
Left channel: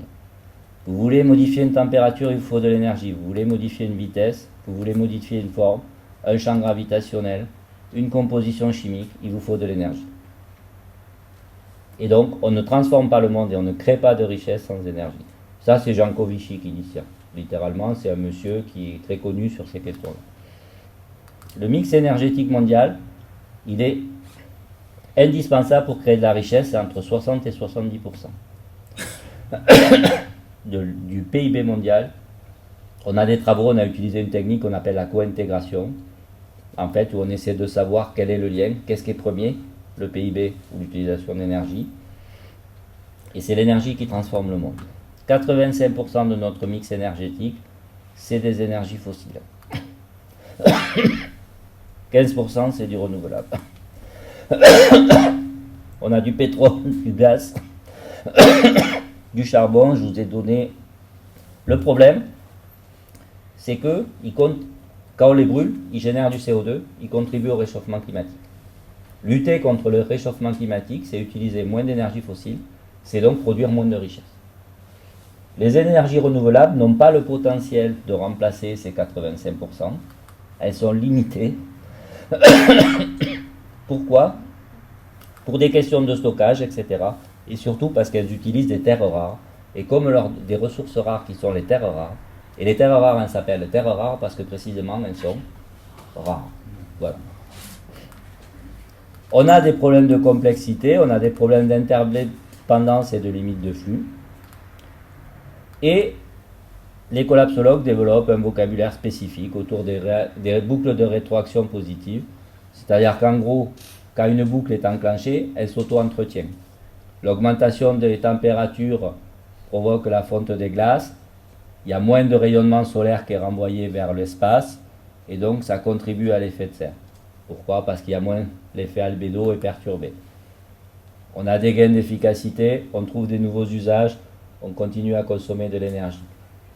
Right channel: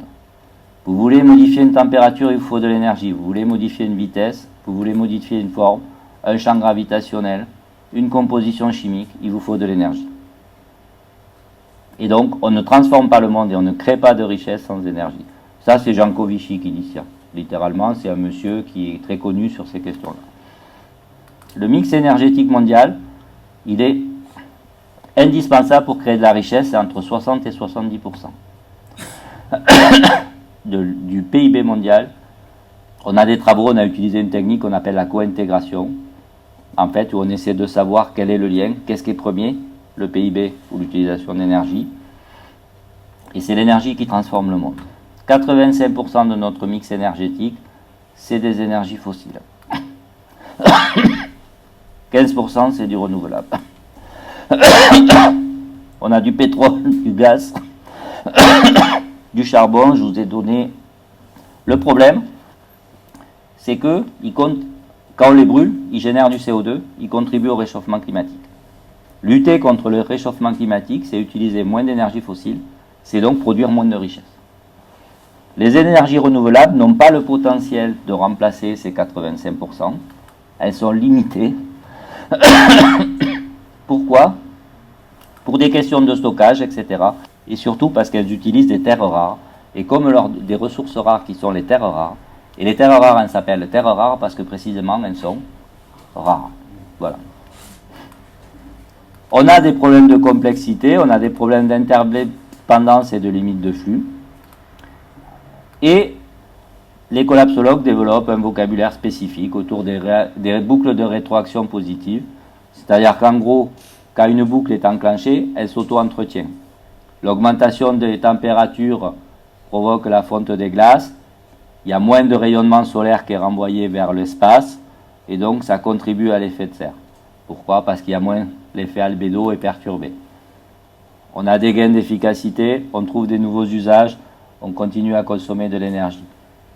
Vous voulez modifier une température, il vous faut de l'énergie. Vous voulez modifier une vitesse, vous voulez modifier une forme, un champ gravitationnel, une composition chimique, il vous faut de l'énergie. Et donc, on ne transforme pas le monde et on ne crée pas de richesse sans énergie. Ça, c'est Jean Covici qui dit ça. Littéralement, c'est un monsieur qui est très connu sur ces questions-là. Le mix énergétique mondial, il est indispensable pour créer de la richesse, c'est entre 60 et 70% du PIB mondial. On a des travaux, on a utilisé une technique qu'on appelle la co-intégration, en fait, où on essaie de savoir quel est le lien, qu'est-ce qui est premier, le PIB ou l'utilisation d'énergie. Et c'est l'énergie qui transforme le monde. 85% de notre mix énergétique, c'est des énergies fossiles. 15% c'est du renouvelable. On a du pétrole, du gaz, du charbon, je vous ai donné. Le problème, c'est que quand on les brûle, ils génèrent du CO2, ils contribuent au réchauffement climatique. Lutter contre le réchauffement climatique, c'est utiliser moins d'énergie fossile, c'est donc produire moins de richesse. Les énergies renouvelables n'ont pas le potentiel de remplacer ces 85%. Elles sont limitées. Pourquoi? Pour des questions de stockage, etc. Et surtout parce qu'elles utilisent des terres rares. Et comme des ressources rares qui sont les terres rares, et les terres rares, elles s'appellent terres rares parce que précisément, elles sont rares. Voilà. On a des problèmes de complexité, on a des problèmes d'interdépendance et de limite de flux. Et les collapsologues développent un vocabulaire spécifique autour des boucles de rétroaction positive. C'est-à-dire qu'en gros, quand une boucle est enclenchée, elle s'auto-entretient. L'augmentation des températures provoque la fonte des glaces. Il y a moins de rayonnement solaire qui est renvoyé vers l'espace. Et donc, ça contribue à l'effet de serre. Pourquoi? Parce qu'il y a moins l'effet albédo est perturbé. On a des gains d'efficacité, on trouve des nouveaux usages, on continue à consommer de l'énergie.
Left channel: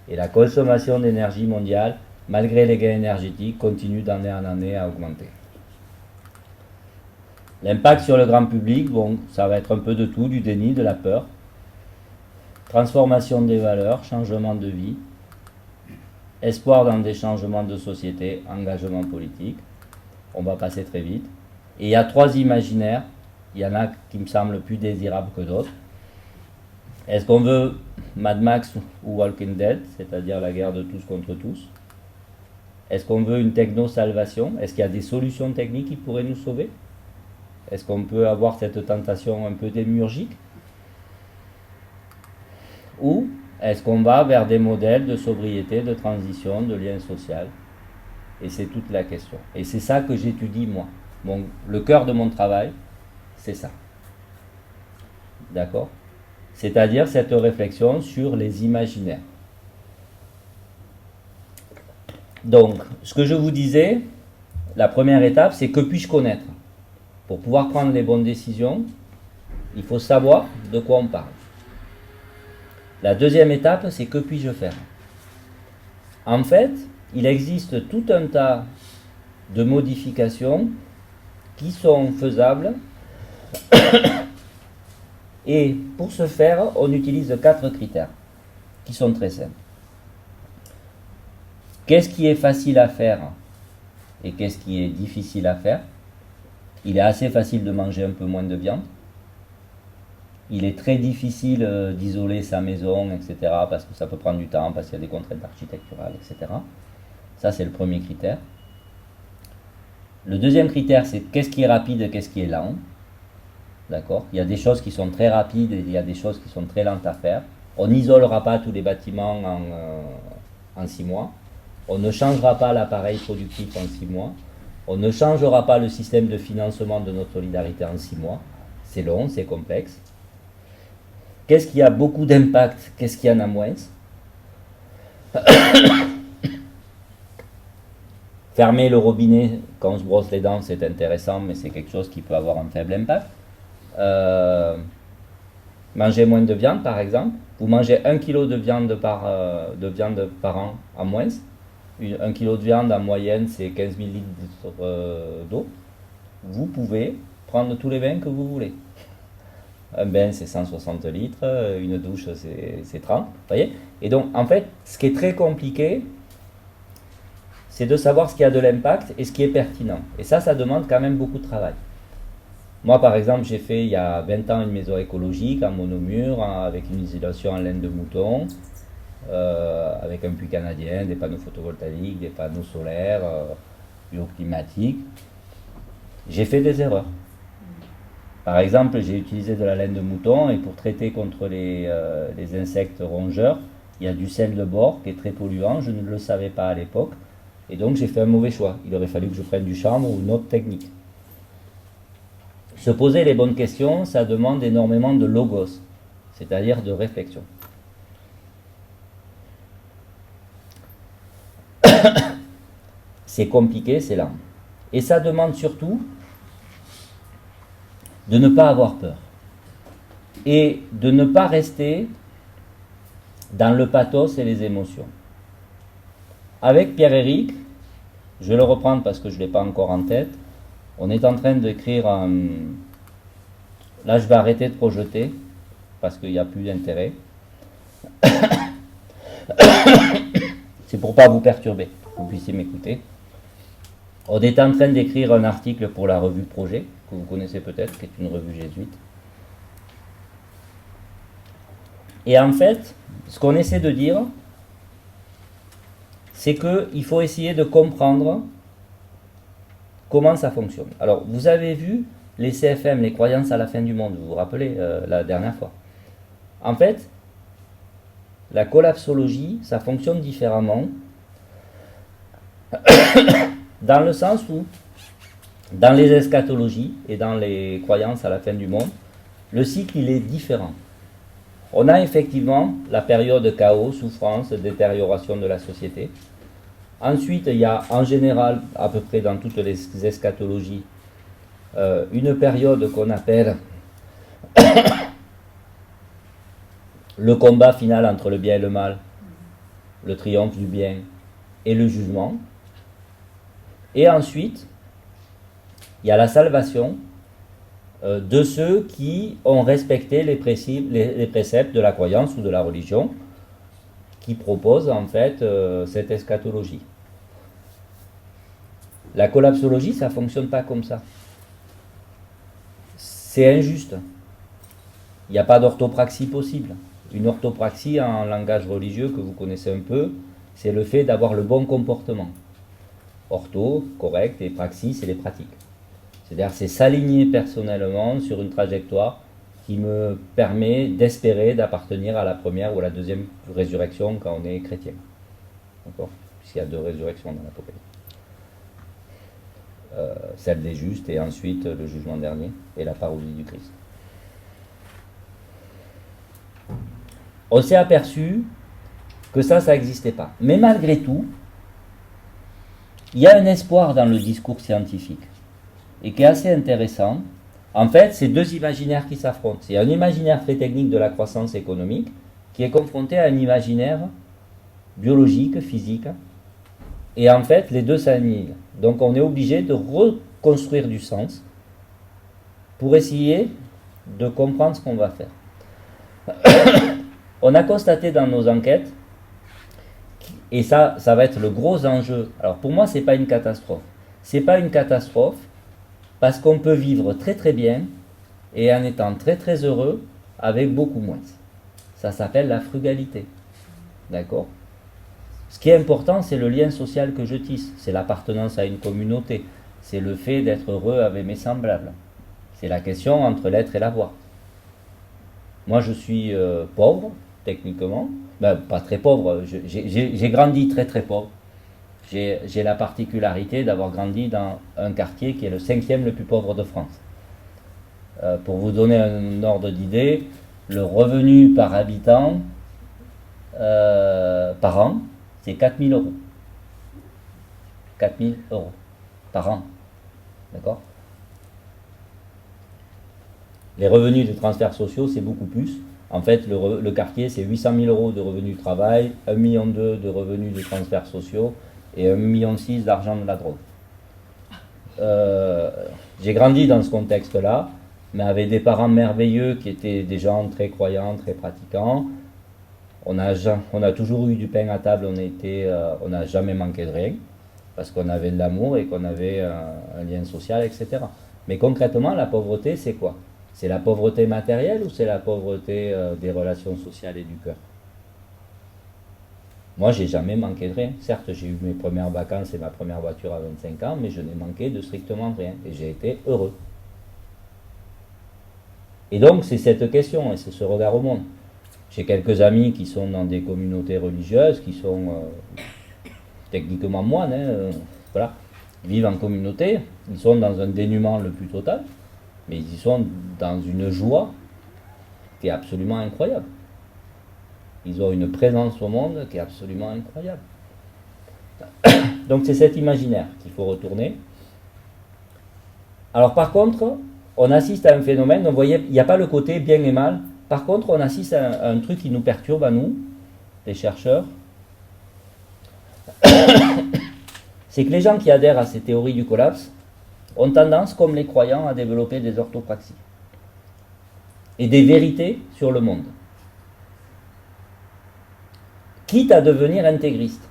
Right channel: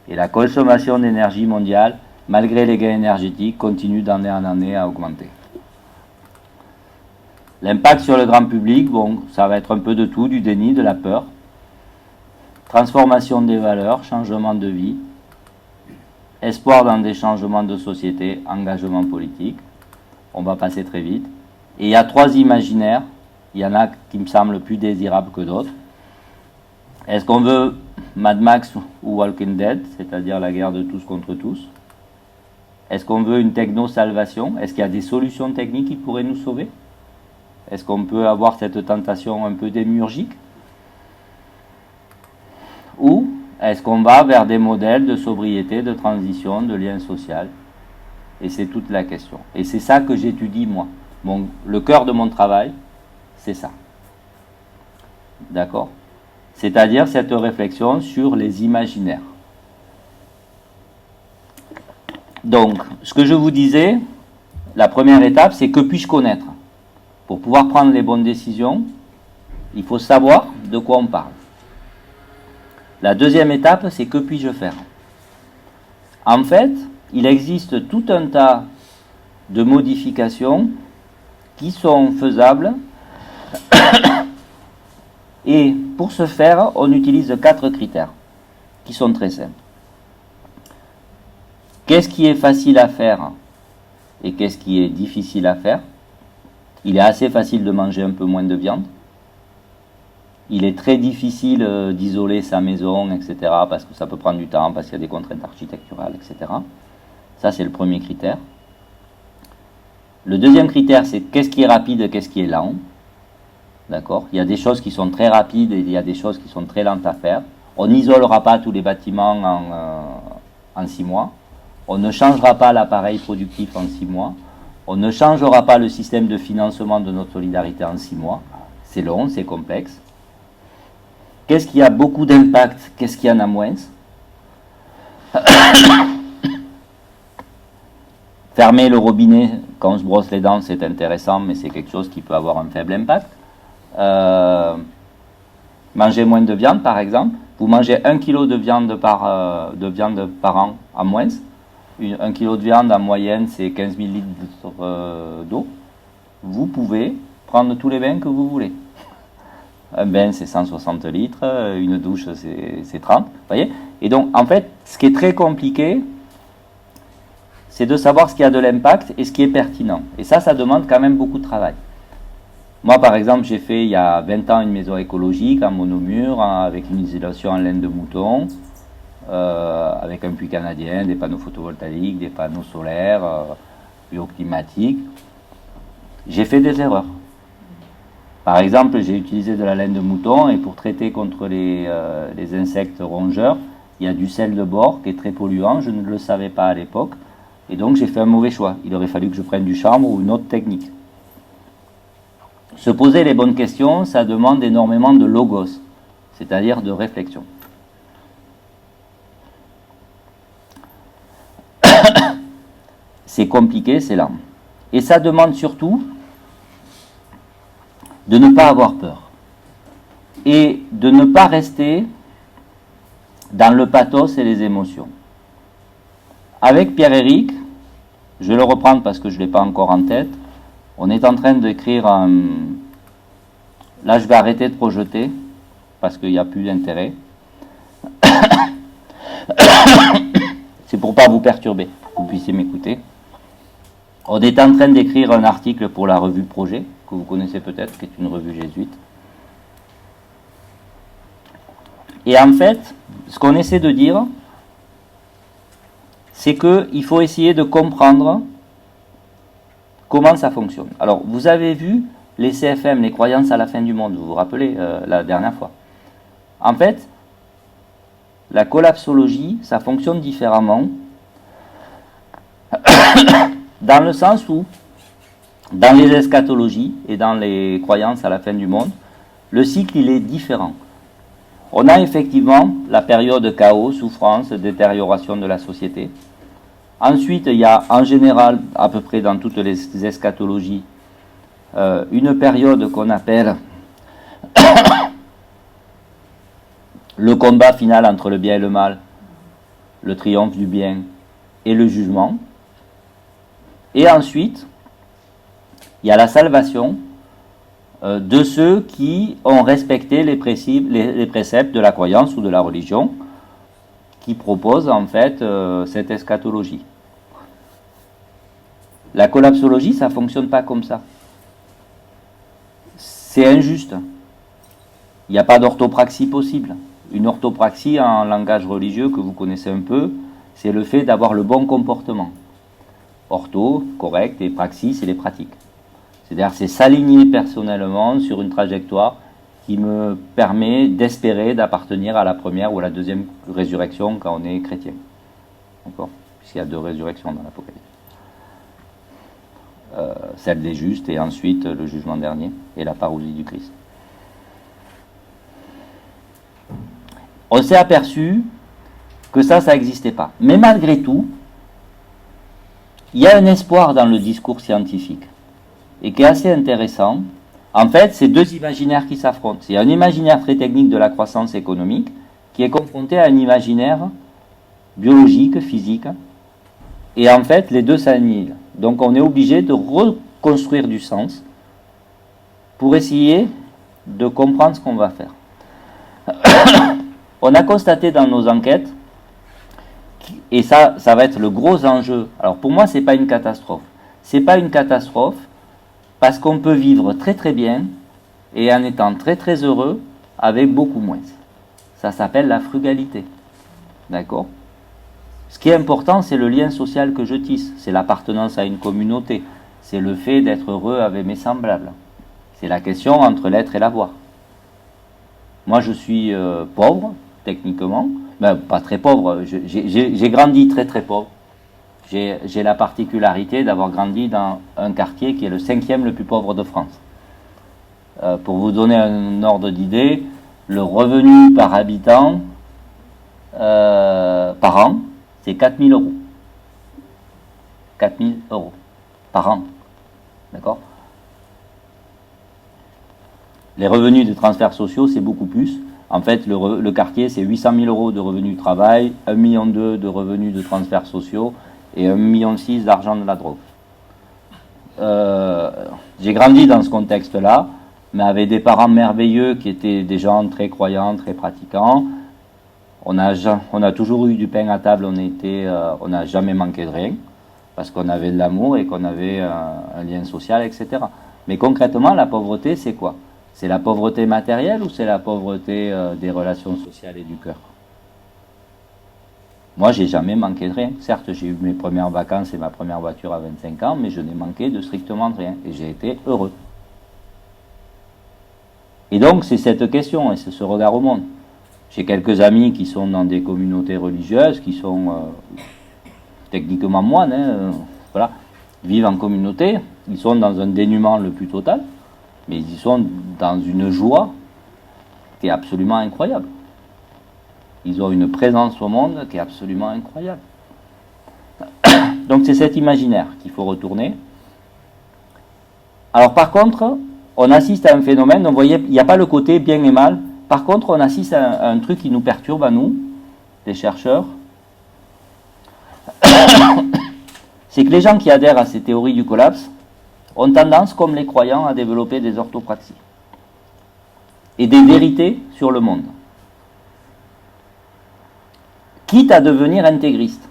Et la consommation d'énergie mondiale, malgré les gains énergétiques, continue d'année en année à augmenter. L'impact sur le grand public, bon, ça va être un peu de tout, du déni, de la peur. Transformation des valeurs, changement de vie, espoir dans des changements de société, engagement politique. On va passer très vite. Et il y a 3 imaginaires. Il y en a qui me semblent plus désirables que d'autres. Est-ce qu'on veut Mad Max ou Walking Dead, c'est-à-dire la guerre de tous contre tous? Est-ce qu'on veut une techno-salvation? Est-ce qu'il y a des solutions techniques qui pourraient nous sauver? Est-ce qu'on peut avoir cette tentation un peu démiurgique? Ou est-ce qu'on va vers des modèles de sobriété, de transition, de lien social? Et c'est toute la question. Et c'est ça que j'étudie moi. Le cœur de mon travail, c'est ça. D'accord? C'est-à-dire cette réflexion sur les imaginaires. Donc, ce que je vous disais, la première étape, c'est que puis-je connaître? Pour pouvoir prendre les bonnes décisions, il faut savoir de quoi on parle. La deuxième étape, c'est que puis-je faire? En fait, il existe tout un tas de modifications qui sont faisables. Et pour ce faire, on utilise 4 critères qui sont très simples. Qu'est-ce qui est facile à faire et qu'est-ce qui est difficile à faire? Il est assez facile de manger un peu moins de viande. Il est très difficile d'isoler sa maison, etc. parce que ça peut prendre du temps, parce qu'il y a des contraintes architecturales, etc. Ça, c'est le premier critère. Le deuxième critère, c'est qu'est-ce qui est rapide et qu'est-ce qui est lent. D'accord? Il y a des choses qui sont très rapides et il y a des choses qui sont très lentes à faire. On n'isolera pas tous les bâtiments en 6 mois. On ne changera pas l'appareil productif en 6 mois. On ne changera pas le système de financement de notre solidarité en 6 mois. C'est long, c'est complexe. Qu'est-ce qui a beaucoup d'impact? Qu'est-ce qui en a moins? Fermer le robinet quand on se brosse les dents, c'est intéressant, mais c'est quelque chose qui peut avoir un faible impact. Manger moins de viande, par exemple. Vous mangez 1 kg de viande par an en moins. 1 kg de viande en moyenne, c'est 15 000 litres d'eau. Vous pouvez prendre tous les bains que vous voulez. Un bain, c'est 160 litres, une douche, c'est 30. Vous voyez? Et donc, en fait, ce qui est très compliqué, c'est de savoir ce qui a de l'impact et ce qui est pertinent. Et ça demande quand même beaucoup de travail. Moi, par exemple, j'ai fait il y a 20 ans une maison écologique en monomure, avec une isolation en laine de mouton, avec un puits canadien, des panneaux photovoltaïques, des panneaux solaires, bioclimatiques. J'ai fait des erreurs. Par exemple, j'ai utilisé de la laine de mouton et pour traiter contre les insectes rongeurs, il y a du sel de bore qui est très polluant. Je ne le savais pas à l'époque. Et donc, j'ai fait un mauvais choix. Il aurait fallu que je prenne du chanvre ou une autre technique. Se poser les bonnes questions, ça demande énormément de logos, c'est-à-dire de réflexion. C'est compliqué, c'est lent. Et ça demande surtout de ne pas avoir peur. Et de ne pas rester dans le pathos et les émotions. Avec Pierre-Éric, je vais le reprendre parce que je ne l'ai pas encore en tête, on est en train d'écrire un... Là, je vais arrêter de projeter parce qu'il n'y a plus d'intérêt. C'est pour ne pas vous perturber, que vous puissiez m'écouter. On est en train d'écrire un article pour la revue Projet, que vous connaissez peut-être, qui est une revue jésuite. Et en fait, ce qu'on essaie de dire, c'est qu'il faut essayer de comprendre comment ça fonctionne. Alors, vous avez vu les CFM, les croyances à la fin du monde, vous vous rappelez la dernière fois. En fait, la collapsologie, ça fonctionne différemment, dans le sens où, dans les eschatologies et dans les croyances à la fin du monde, le cycle, il est différent. On a effectivement la période chaos, souffrance, détérioration de la société. Ensuite, il y a en général, à peu près dans toutes les eschatologies, une période qu'on appelle le combat final entre le bien et le mal, le triomphe du bien et le jugement. Et ensuite, il y a la salvation de ceux qui ont respecté les préceptes de la croyance ou de la religion, qui proposent en fait cette eschatologie. La collapsologie, ça ne fonctionne pas comme ça. C'est injuste. Il n'y a pas d'orthopraxie possible. Une orthopraxie en langage religieux que vous connaissez un peu, c'est le fait d'avoir le bon comportement. Ortho, correct, et praxis, c'est les pratiques. C'est-à-dire c'est s'aligner personnellement sur une trajectoire qui me permet d'espérer d'appartenir à la première ou à la deuxième résurrection quand on est chrétien. D'accord ? Puisqu'il y a 2 résurrections dans l'Apocalypse. Celle des justes et ensuite le jugement dernier et la parousie du Christ. On s'est aperçu que ça n'existait pas. Mais malgré tout, il y a un espoir dans le discours scientifique et qui est assez intéressant. En fait, c'est 2 imaginaires qui s'affrontent. C'est un imaginaire très technique de la croissance économique qui est confronté à un imaginaire biologique, physique. Et en fait, les deux s'annihilent. Donc on est obligé de reconstruire du sens pour essayer de comprendre ce qu'on va faire. On a constaté dans nos enquêtes, et ça va être le gros enjeu. Alors pour moi, ce n'est pas une catastrophe. Ce n'est pas une catastrophe parce qu'on peut vivre très très bien et en étant très très heureux avec beaucoup moins. Ça s'appelle la frugalité. D'accord ? Ce qui est important, c'est le lien social que je tisse. C'est l'appartenance à une communauté. C'est le fait d'être heureux avec mes semblables. C'est la question entre l'être et l'avoir. Moi, je suis pauvre, techniquement. Ben, pas très pauvre. J'ai grandi très très pauvre. J'ai la particularité d'avoir grandi dans un quartier qui est le 5e le plus pauvre de France. Pour vous donner un ordre d'idée, le revenu par habitant par an, c'est 4 000 euros. 4 000 euros par an. D'accord? Les revenus des transferts sociaux, c'est beaucoup plus. En fait, le quartier, c'est 800 000 euros de revenus du travail, 1,2 million de revenus de transferts sociaux et 1,6 million d'argent de la drogue. J'ai grandi dans ce contexte-là, mais avec des parents merveilleux qui étaient des gens très croyants, très pratiquants. On a toujours eu du pain à table, on n'a jamais manqué de rien, parce qu'on avait de l'amour et qu'on avait un lien social, etc. Mais concrètement, la pauvreté, c'est quoi? C'est la pauvreté matérielle ou c'est la pauvreté des relations sociales et du cœur? Moi, j'ai jamais manqué de rien. Certes, j'ai eu mes premières vacances et ma première voiture à 25 ans, mais je n'ai manqué de strictement de rien. Et j'ai été heureux. Et donc, c'est cette question et c'est ce regard au monde. J'ai quelques amis qui sont dans des communautés religieuses, qui sont techniquement moines, voilà, vivent en communauté. Ils sont dans un dénuement le plus total, mais ils sont dans une joie qui est absolument incroyable. Ils ont une présence au monde qui est absolument incroyable. Donc c'est cet imaginaire qu'il faut retourner. Alors par contre, on assiste à un phénomène, donc vous voyez, il n'y a pas le côté bien et mal. Par contre, on assiste à un truc qui nous perturbe à nous, les chercheurs. C'est que les gens qui adhèrent à ces théories du collapse ont tendance, comme les croyants, à développer des orthopraxies et des vérités sur le monde, quitte à devenir intégriste,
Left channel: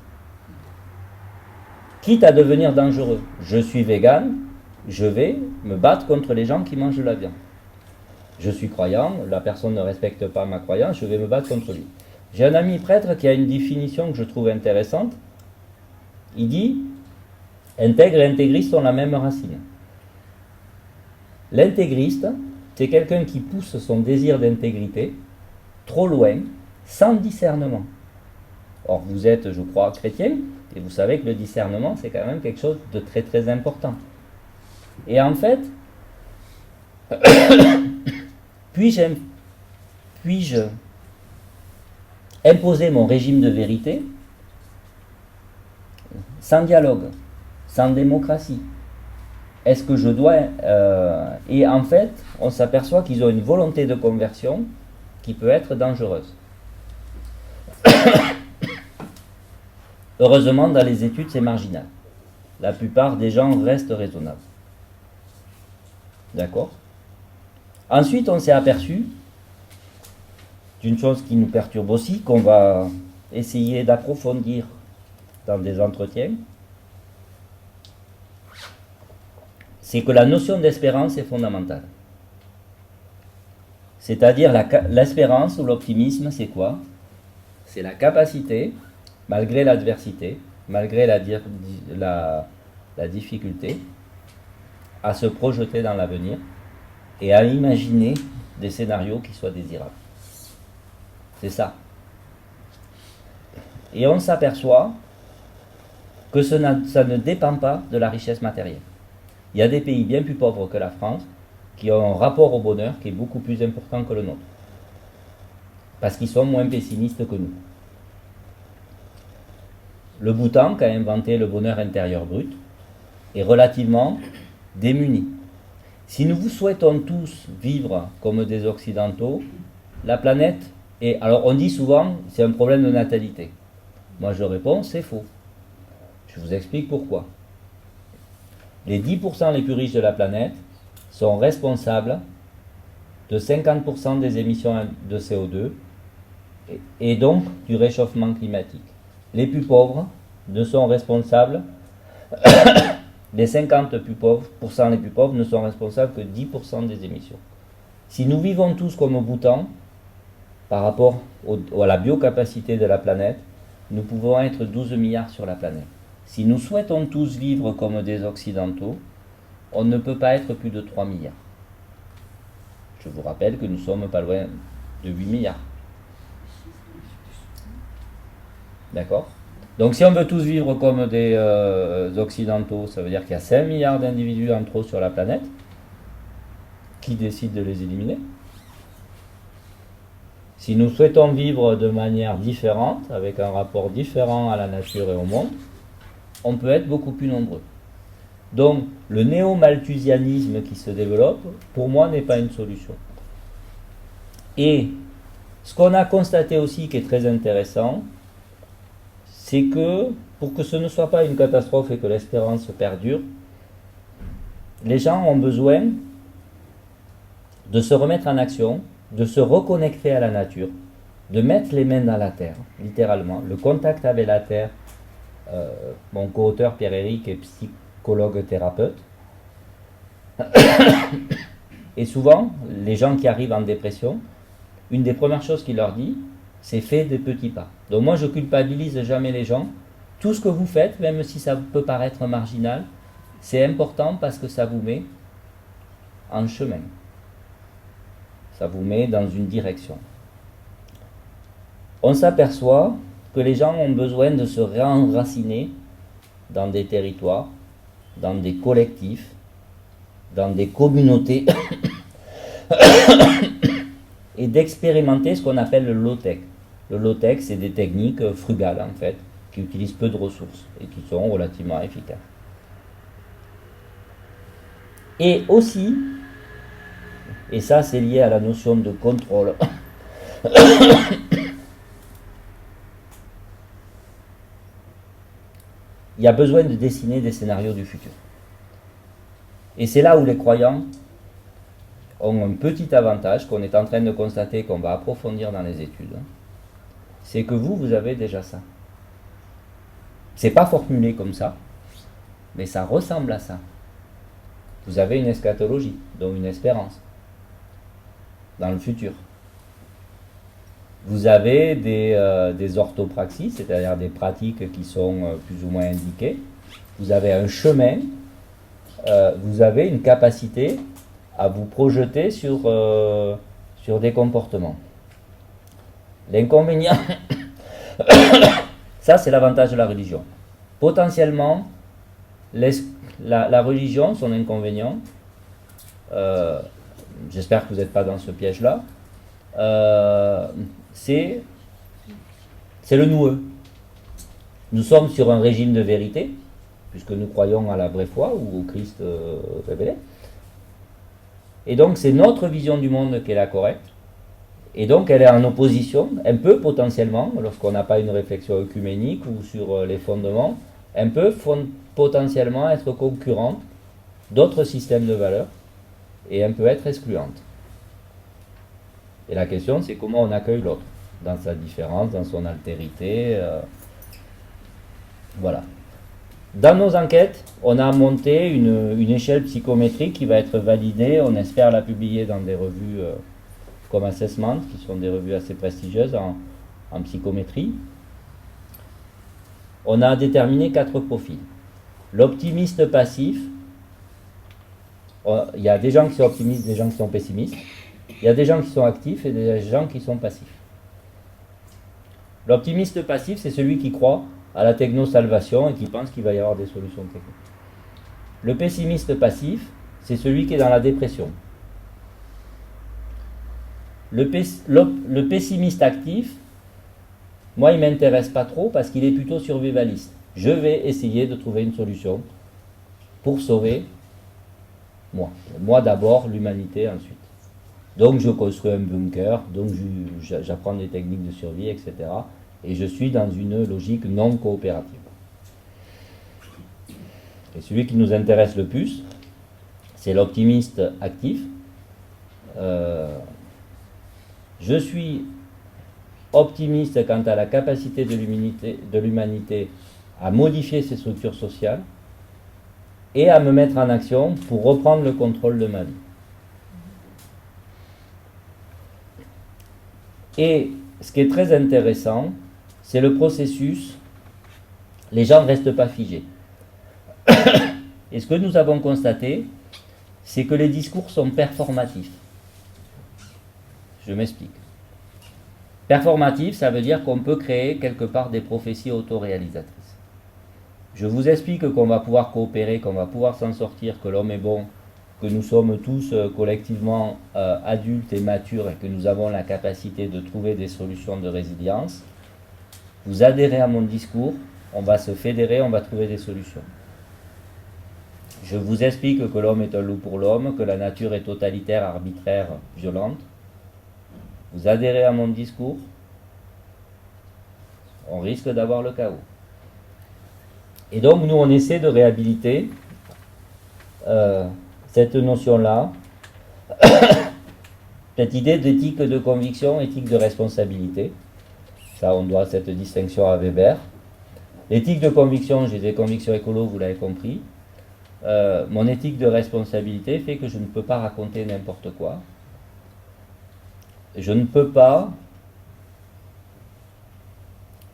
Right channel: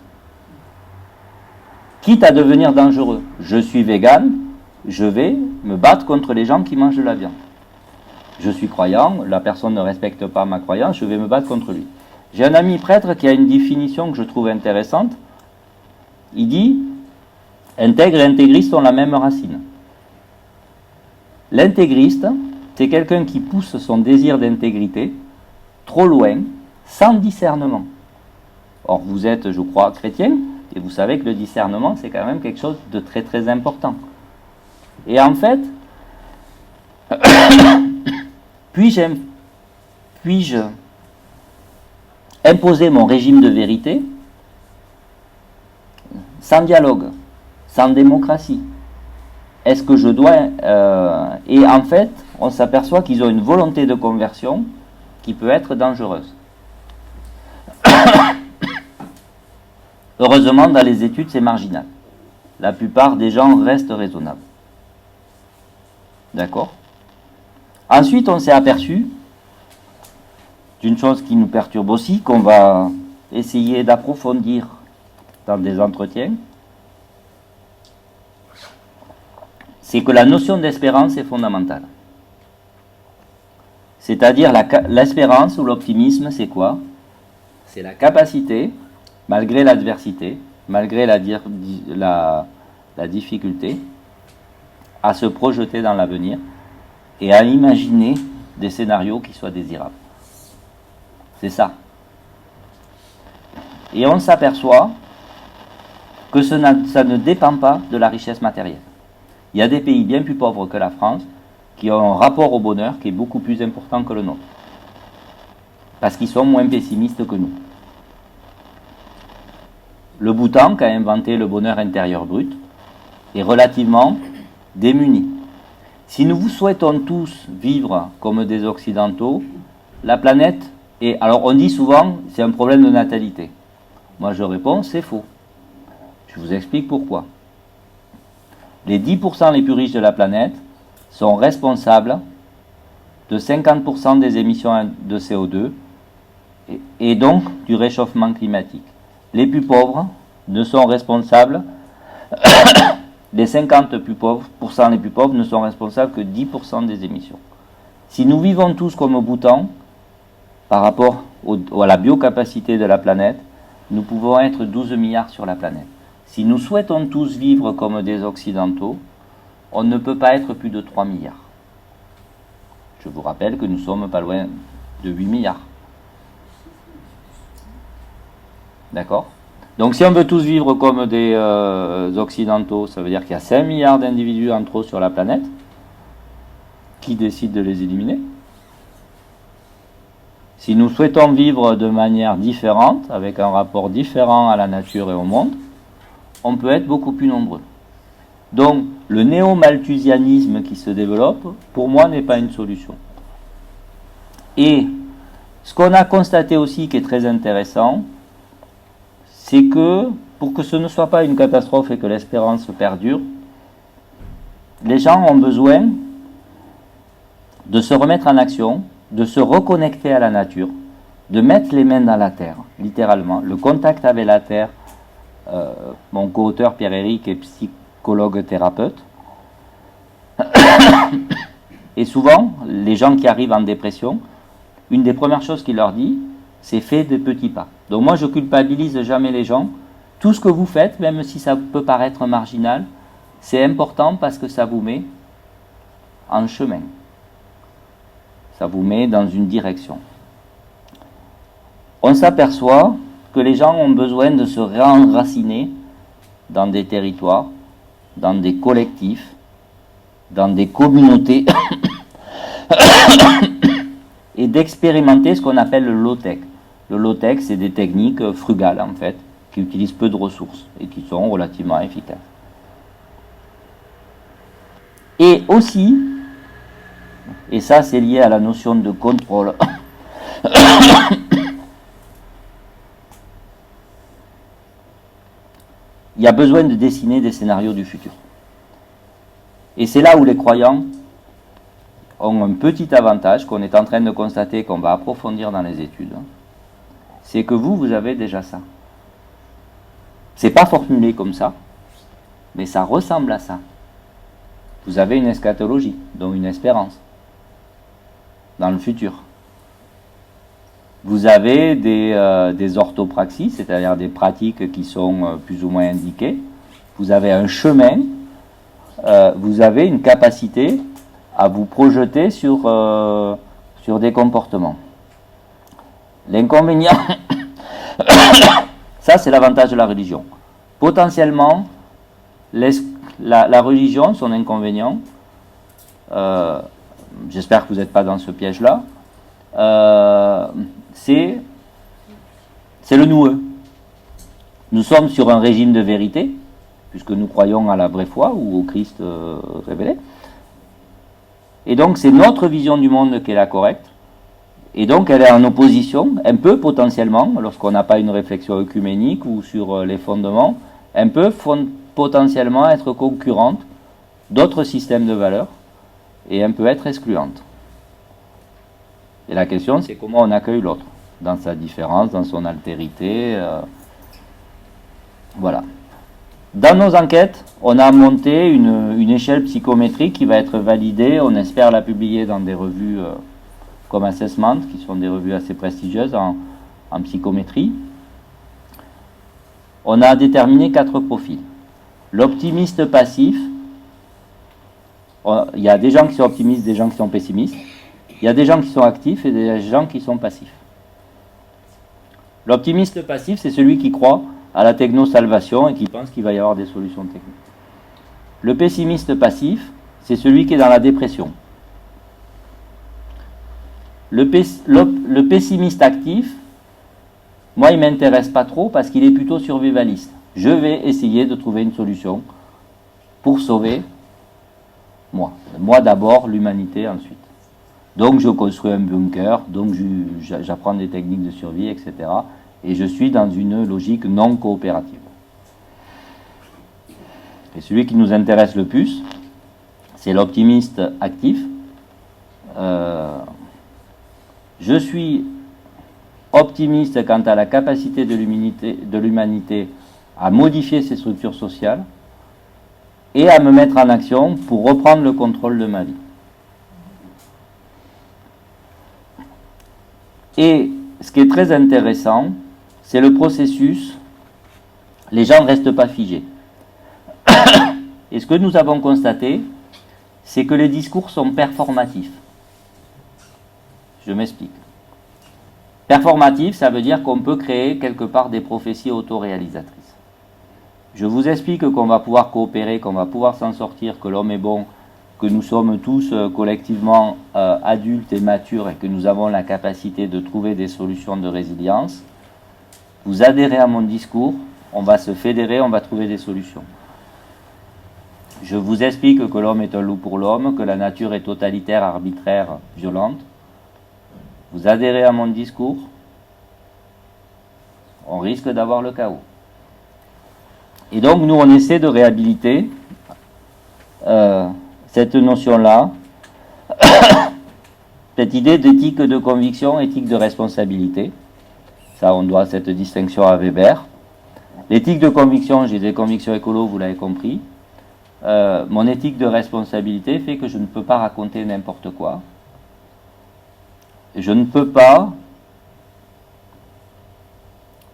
quitte à devenir dangereux. Je suis végane, je vais me battre contre les gens qui mangent de la viande. Je suis croyant, la personne ne respecte pas ma croyance, je vais me battre contre lui. J'ai un ami prêtre qui a une définition que je trouve intéressante. Il dit, intègre et intégriste ont la même racine. L'intégriste, c'est quelqu'un qui pousse son désir d'intégrité trop loin, sans discernement. Or, vous êtes, je crois, chrétien, et vous savez que le discernement, c'est quand même quelque chose de très très important. Et en fait, puis-je imposer mon régime de vérité sans dialogue, sans démocratie? Est-ce que je dois... et en fait, on s'aperçoit qu'ils ont une volonté de conversion qui peut être dangereuse. Heureusement, dans les études, c'est marginal. La plupart des gens restent raisonnables. D'accord? Ensuite, on s'est aperçu d'une chose qui nous perturbe aussi, qu'on va essayer d'approfondir dans des entretiens, c'est que la notion d'espérance est fondamentale. C'est-à-dire l'espérance ou l'optimisme, c'est quoi? C'est la capacité, malgré l'adversité, malgré la difficulté, à se projeter dans l'avenir et à imaginer des scénarios qui soient désirables. C'est ça. Et on s'aperçoit que ça ne dépend pas de la richesse matérielle. Il y a des pays bien plus pauvres que la France qui ont un rapport au bonheur qui est beaucoup plus important que le nôtre. Parce qu'ils sont moins pessimistes que nous. Le Bhoutan, qui a inventé le bonheur intérieur brut, est relativement démuni. Si nous vous souhaitons tous vivre comme des Occidentaux, la planète est... Alors on dit souvent, c'est un problème de natalité. Moi je réponds, c'est faux. Je vous explique pourquoi. Les 10% les plus riches de la planète sont responsables de 50% des émissions de CO2 et donc du réchauffement climatique. Les plus pauvres ne sont responsables, les 50% les plus pauvres ne sont responsables que 10% des émissions. Si nous vivons tous comme au Bhoutan, par rapport à la biocapacité de la planète, nous pouvons être 12 milliards sur la planète. Si nous souhaitons tous vivre comme des Occidentaux, on ne peut pas être plus de 3 milliards. Je vous rappelle que nous sommes pas loin de 8 milliards. D'accord? Donc si on veut tous vivre comme des occidentaux, ça veut dire qu'il y a 5 milliards d'individus en trop sur la planète. Qui décide de les éliminer? Si nous souhaitons vivre de manière différente, avec un rapport différent à la nature et au monde, on peut être beaucoup plus nombreux. Donc, le néo-malthusianisme qui se développe, pour moi, n'est pas une solution. Et ce qu'on a constaté aussi, qui est très intéressant, c'est que, pour que ce ne soit pas une catastrophe et que l'espérance perdure, les gens ont besoin de se remettre en action, de se reconnecter à la nature, de mettre les mains dans la terre, littéralement. Le contact avec la terre, mon co-auteur Pierre-Éric est psychologue thérapeute, et souvent, les gens qui arrivent en dépression, une des premières choses qu'il leur dit, c'est fait des petits pas. Donc moi, je culpabilise jamais les gens. Tout ce que vous faites, même si ça peut paraître marginal, c'est important parce que ça vous met en chemin. Ça vous met dans une direction. On s'aperçoit que les gens ont besoin de se réenraciner dans des territoires, dans des collectifs, dans des communautés, et d'expérimenter ce qu'on appelle le low-tech. Le low-tech, c'est des techniques frugales, en fait, qui utilisent peu de ressources et qui sont relativement efficaces. Et aussi, et ça c'est lié à la notion de contrôle, il y a besoin de dessiner des scénarios du futur. Et c'est là où les croyants ont un petit avantage qu'on est en train de constater, qu'on va approfondir dans les études. C'est que vous avez déjà ça. C'est pas formulé comme ça, mais ça ressemble à ça. Vous avez une eschatologie, donc une espérance dans le futur. Vous avez des orthopraxies, c'est-à-dire des pratiques qui sont plus ou moins indiquées. Vous avez un chemin, vous avez une capacité à vous projeter sur des comportements. L'inconvénient, ça c'est l'avantage de la religion. Potentiellement, la religion, son inconvénient, j'espère que vous n'êtes pas dans ce piège-là, c'est le noueux. Nous sommes sur un régime de vérité, puisque nous croyons à la vraie foi ou au Christ révélé. Et donc c'est notre vision du monde qui est la correcte. Et donc elle est en opposition, un peu potentiellement, lorsqu'on n'a pas une réflexion œcuménique ou sur les fondements, elle peut potentiellement être concurrente d'autres systèmes de valeurs et elle peut être excluante. Et la question, c'est comment on accueille l'autre, dans sa différence, dans son altérité. Voilà. Dans nos enquêtes, on a monté une échelle psychométrique qui va être validée, on espère la publier dans des revues comme Assessment, qui sont des revues assez prestigieuses en psychométrie. On a déterminé 4 profils. L'optimiste passif, il y a des gens qui sont optimistes, des gens qui sont pessimistes. Il y a des gens qui sont actifs et des gens qui sont passifs. L'optimiste passif, c'est celui qui croit à la techno-salvation et qui pense qu'il va y avoir des solutions techniques. Le pessimiste passif, c'est celui qui est dans la dépression. Le pessimiste actif, moi, il ne m'intéresse pas trop parce qu'il est plutôt survivaliste. Je vais essayer de trouver une solution pour sauver moi. Moi d'abord, l'humanité ensuite. Donc je construis un bunker, donc j'apprends des techniques de survie, etc. Et je suis dans une logique non coopérative. Et celui qui nous intéresse le plus, c'est l'optimiste actif. Je suis optimiste quant à la capacité de l'humanité à modifier ses structures sociales et à me mettre en action pour reprendre le contrôle de ma vie. Et ce qui est très intéressant, c'est le processus. Les gens ne restent pas figés. Et ce que nous avons constaté, c'est que les discours sont performatifs. Je m'explique. Performatif, ça veut dire qu'on peut créer quelque part des prophéties autoréalisatrices. Je vous explique qu'on va pouvoir coopérer, qu'on va pouvoir s'en sortir, que l'homme est bon, que nous sommes tous collectivement adultes et matures et que nous avons la capacité de trouver des solutions de résilience. Vous adhérez à mon discours, on va se fédérer, on va trouver des solutions. Je vous explique que l'homme est un loup pour l'homme, que la nature est totalitaire, arbitraire, violente. Vous adhérez à mon discours, on risque d'avoir le chaos. Et donc nous on essaie de réhabiliter cette notion-là, cette idée d'éthique de conviction, éthique de responsabilité. Ça, on doit cette distinction à Weber. L'éthique de conviction, j'ai des convictions écolo, vous l'avez compris. Mon éthique de responsabilité fait que je ne peux pas raconter n'importe quoi. Je ne peux pas...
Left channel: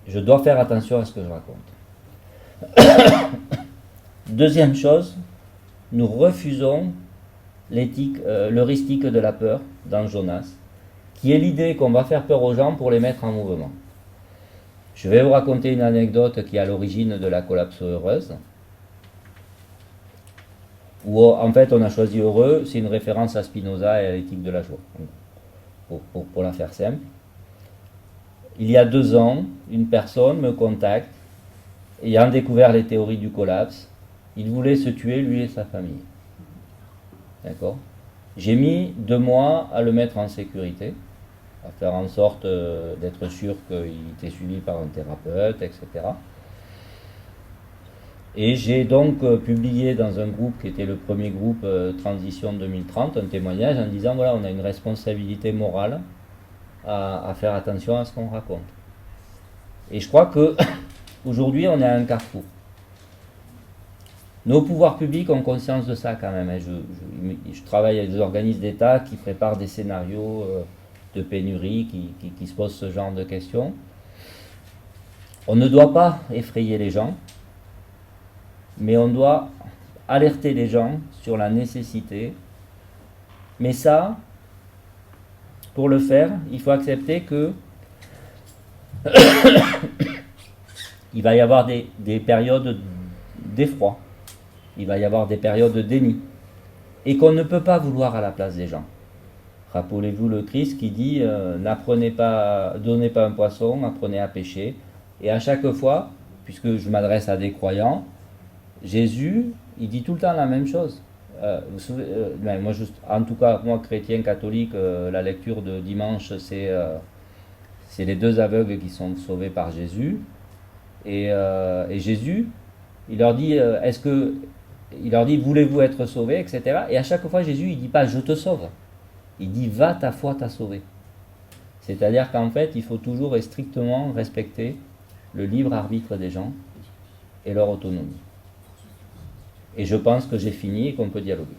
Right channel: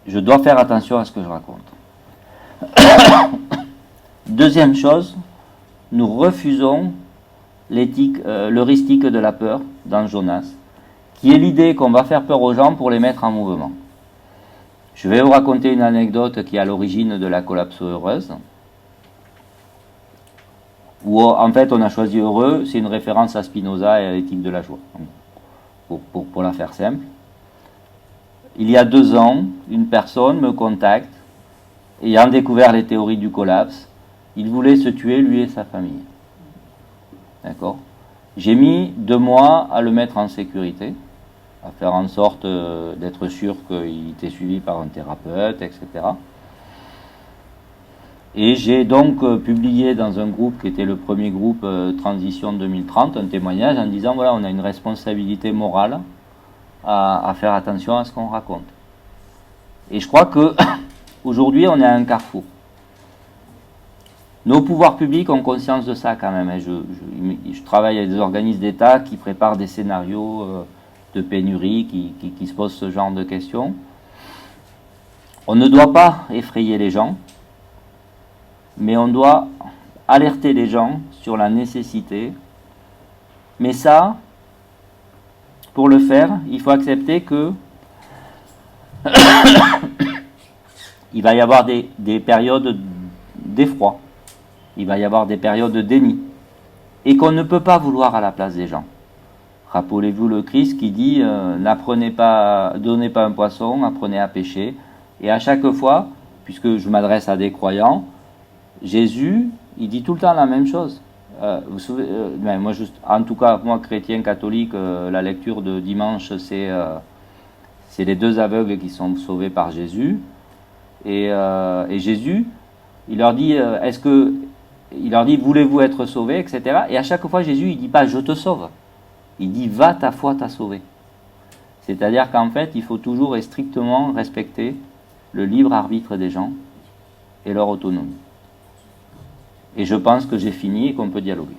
Je dois faire attention à ce que je raconte. Deuxième chose, nous refusons l'heuristique de la peur dans Jonas, qui est l'idée qu'on va faire peur aux gens pour les mettre en mouvement. Je vais vous raconter une anecdote qui est à l'origine de la collapso heureuse, où en fait on a choisi heureux, c'est une référence à Spinoza et à l'éthique de la joie, pour la faire simple. Il y a 2 ans, une personne me contacte, ayant découvert les théories du collapse. Il voulait se tuer, lui et sa famille. D'accord ? J'ai mis 2 mois à le mettre en sécurité, à faire en sorte d'être sûr qu'il était suivi par un thérapeute, etc. Et j'ai donc publié dans un groupe qui était le premier groupe Transition 2030, un témoignage en disant voilà, on a une responsabilité morale à faire attention à ce qu'on raconte. Et je crois que aujourd'hui on est à un carrefour. Nos pouvoirs publics ont conscience de ça quand même. Je travaille avec des organismes d'État qui préparent des scénarios de pénurie, qui se posent ce genre de questions. On ne doit pas effrayer les gens, mais on doit alerter les gens sur la nécessité. Mais ça, pour le faire, il faut accepter que il va y avoir des périodes d'effroi. Il va y avoir des périodes de déni. Et qu'on ne peut pas vouloir à la place des gens. Rappelez-vous le Christ qui dit n'apprenez pas, donnez pas un poisson, apprenez à pêcher. Et à chaque fois, puisque je m'adresse à des croyants, Jésus, il dit tout le temps la même chose. Vous savez, moi, en tout cas, moi, chrétien, catholique, la lecture de dimanche, c'est les 2 aveugles qui sont sauvés par Jésus. Et Jésus, il leur dit, voulez-vous être sauvés, etc. Et à chaque fois, Jésus, il ne dit pas, je te sauve. Il dit, va, ta foi t'a sauvé. C'est-à-dire qu'en fait, il faut toujours et strictement respecter le libre arbitre des gens et leur autonomie. Et je pense que j'ai fini et qu'on peut dialoguer.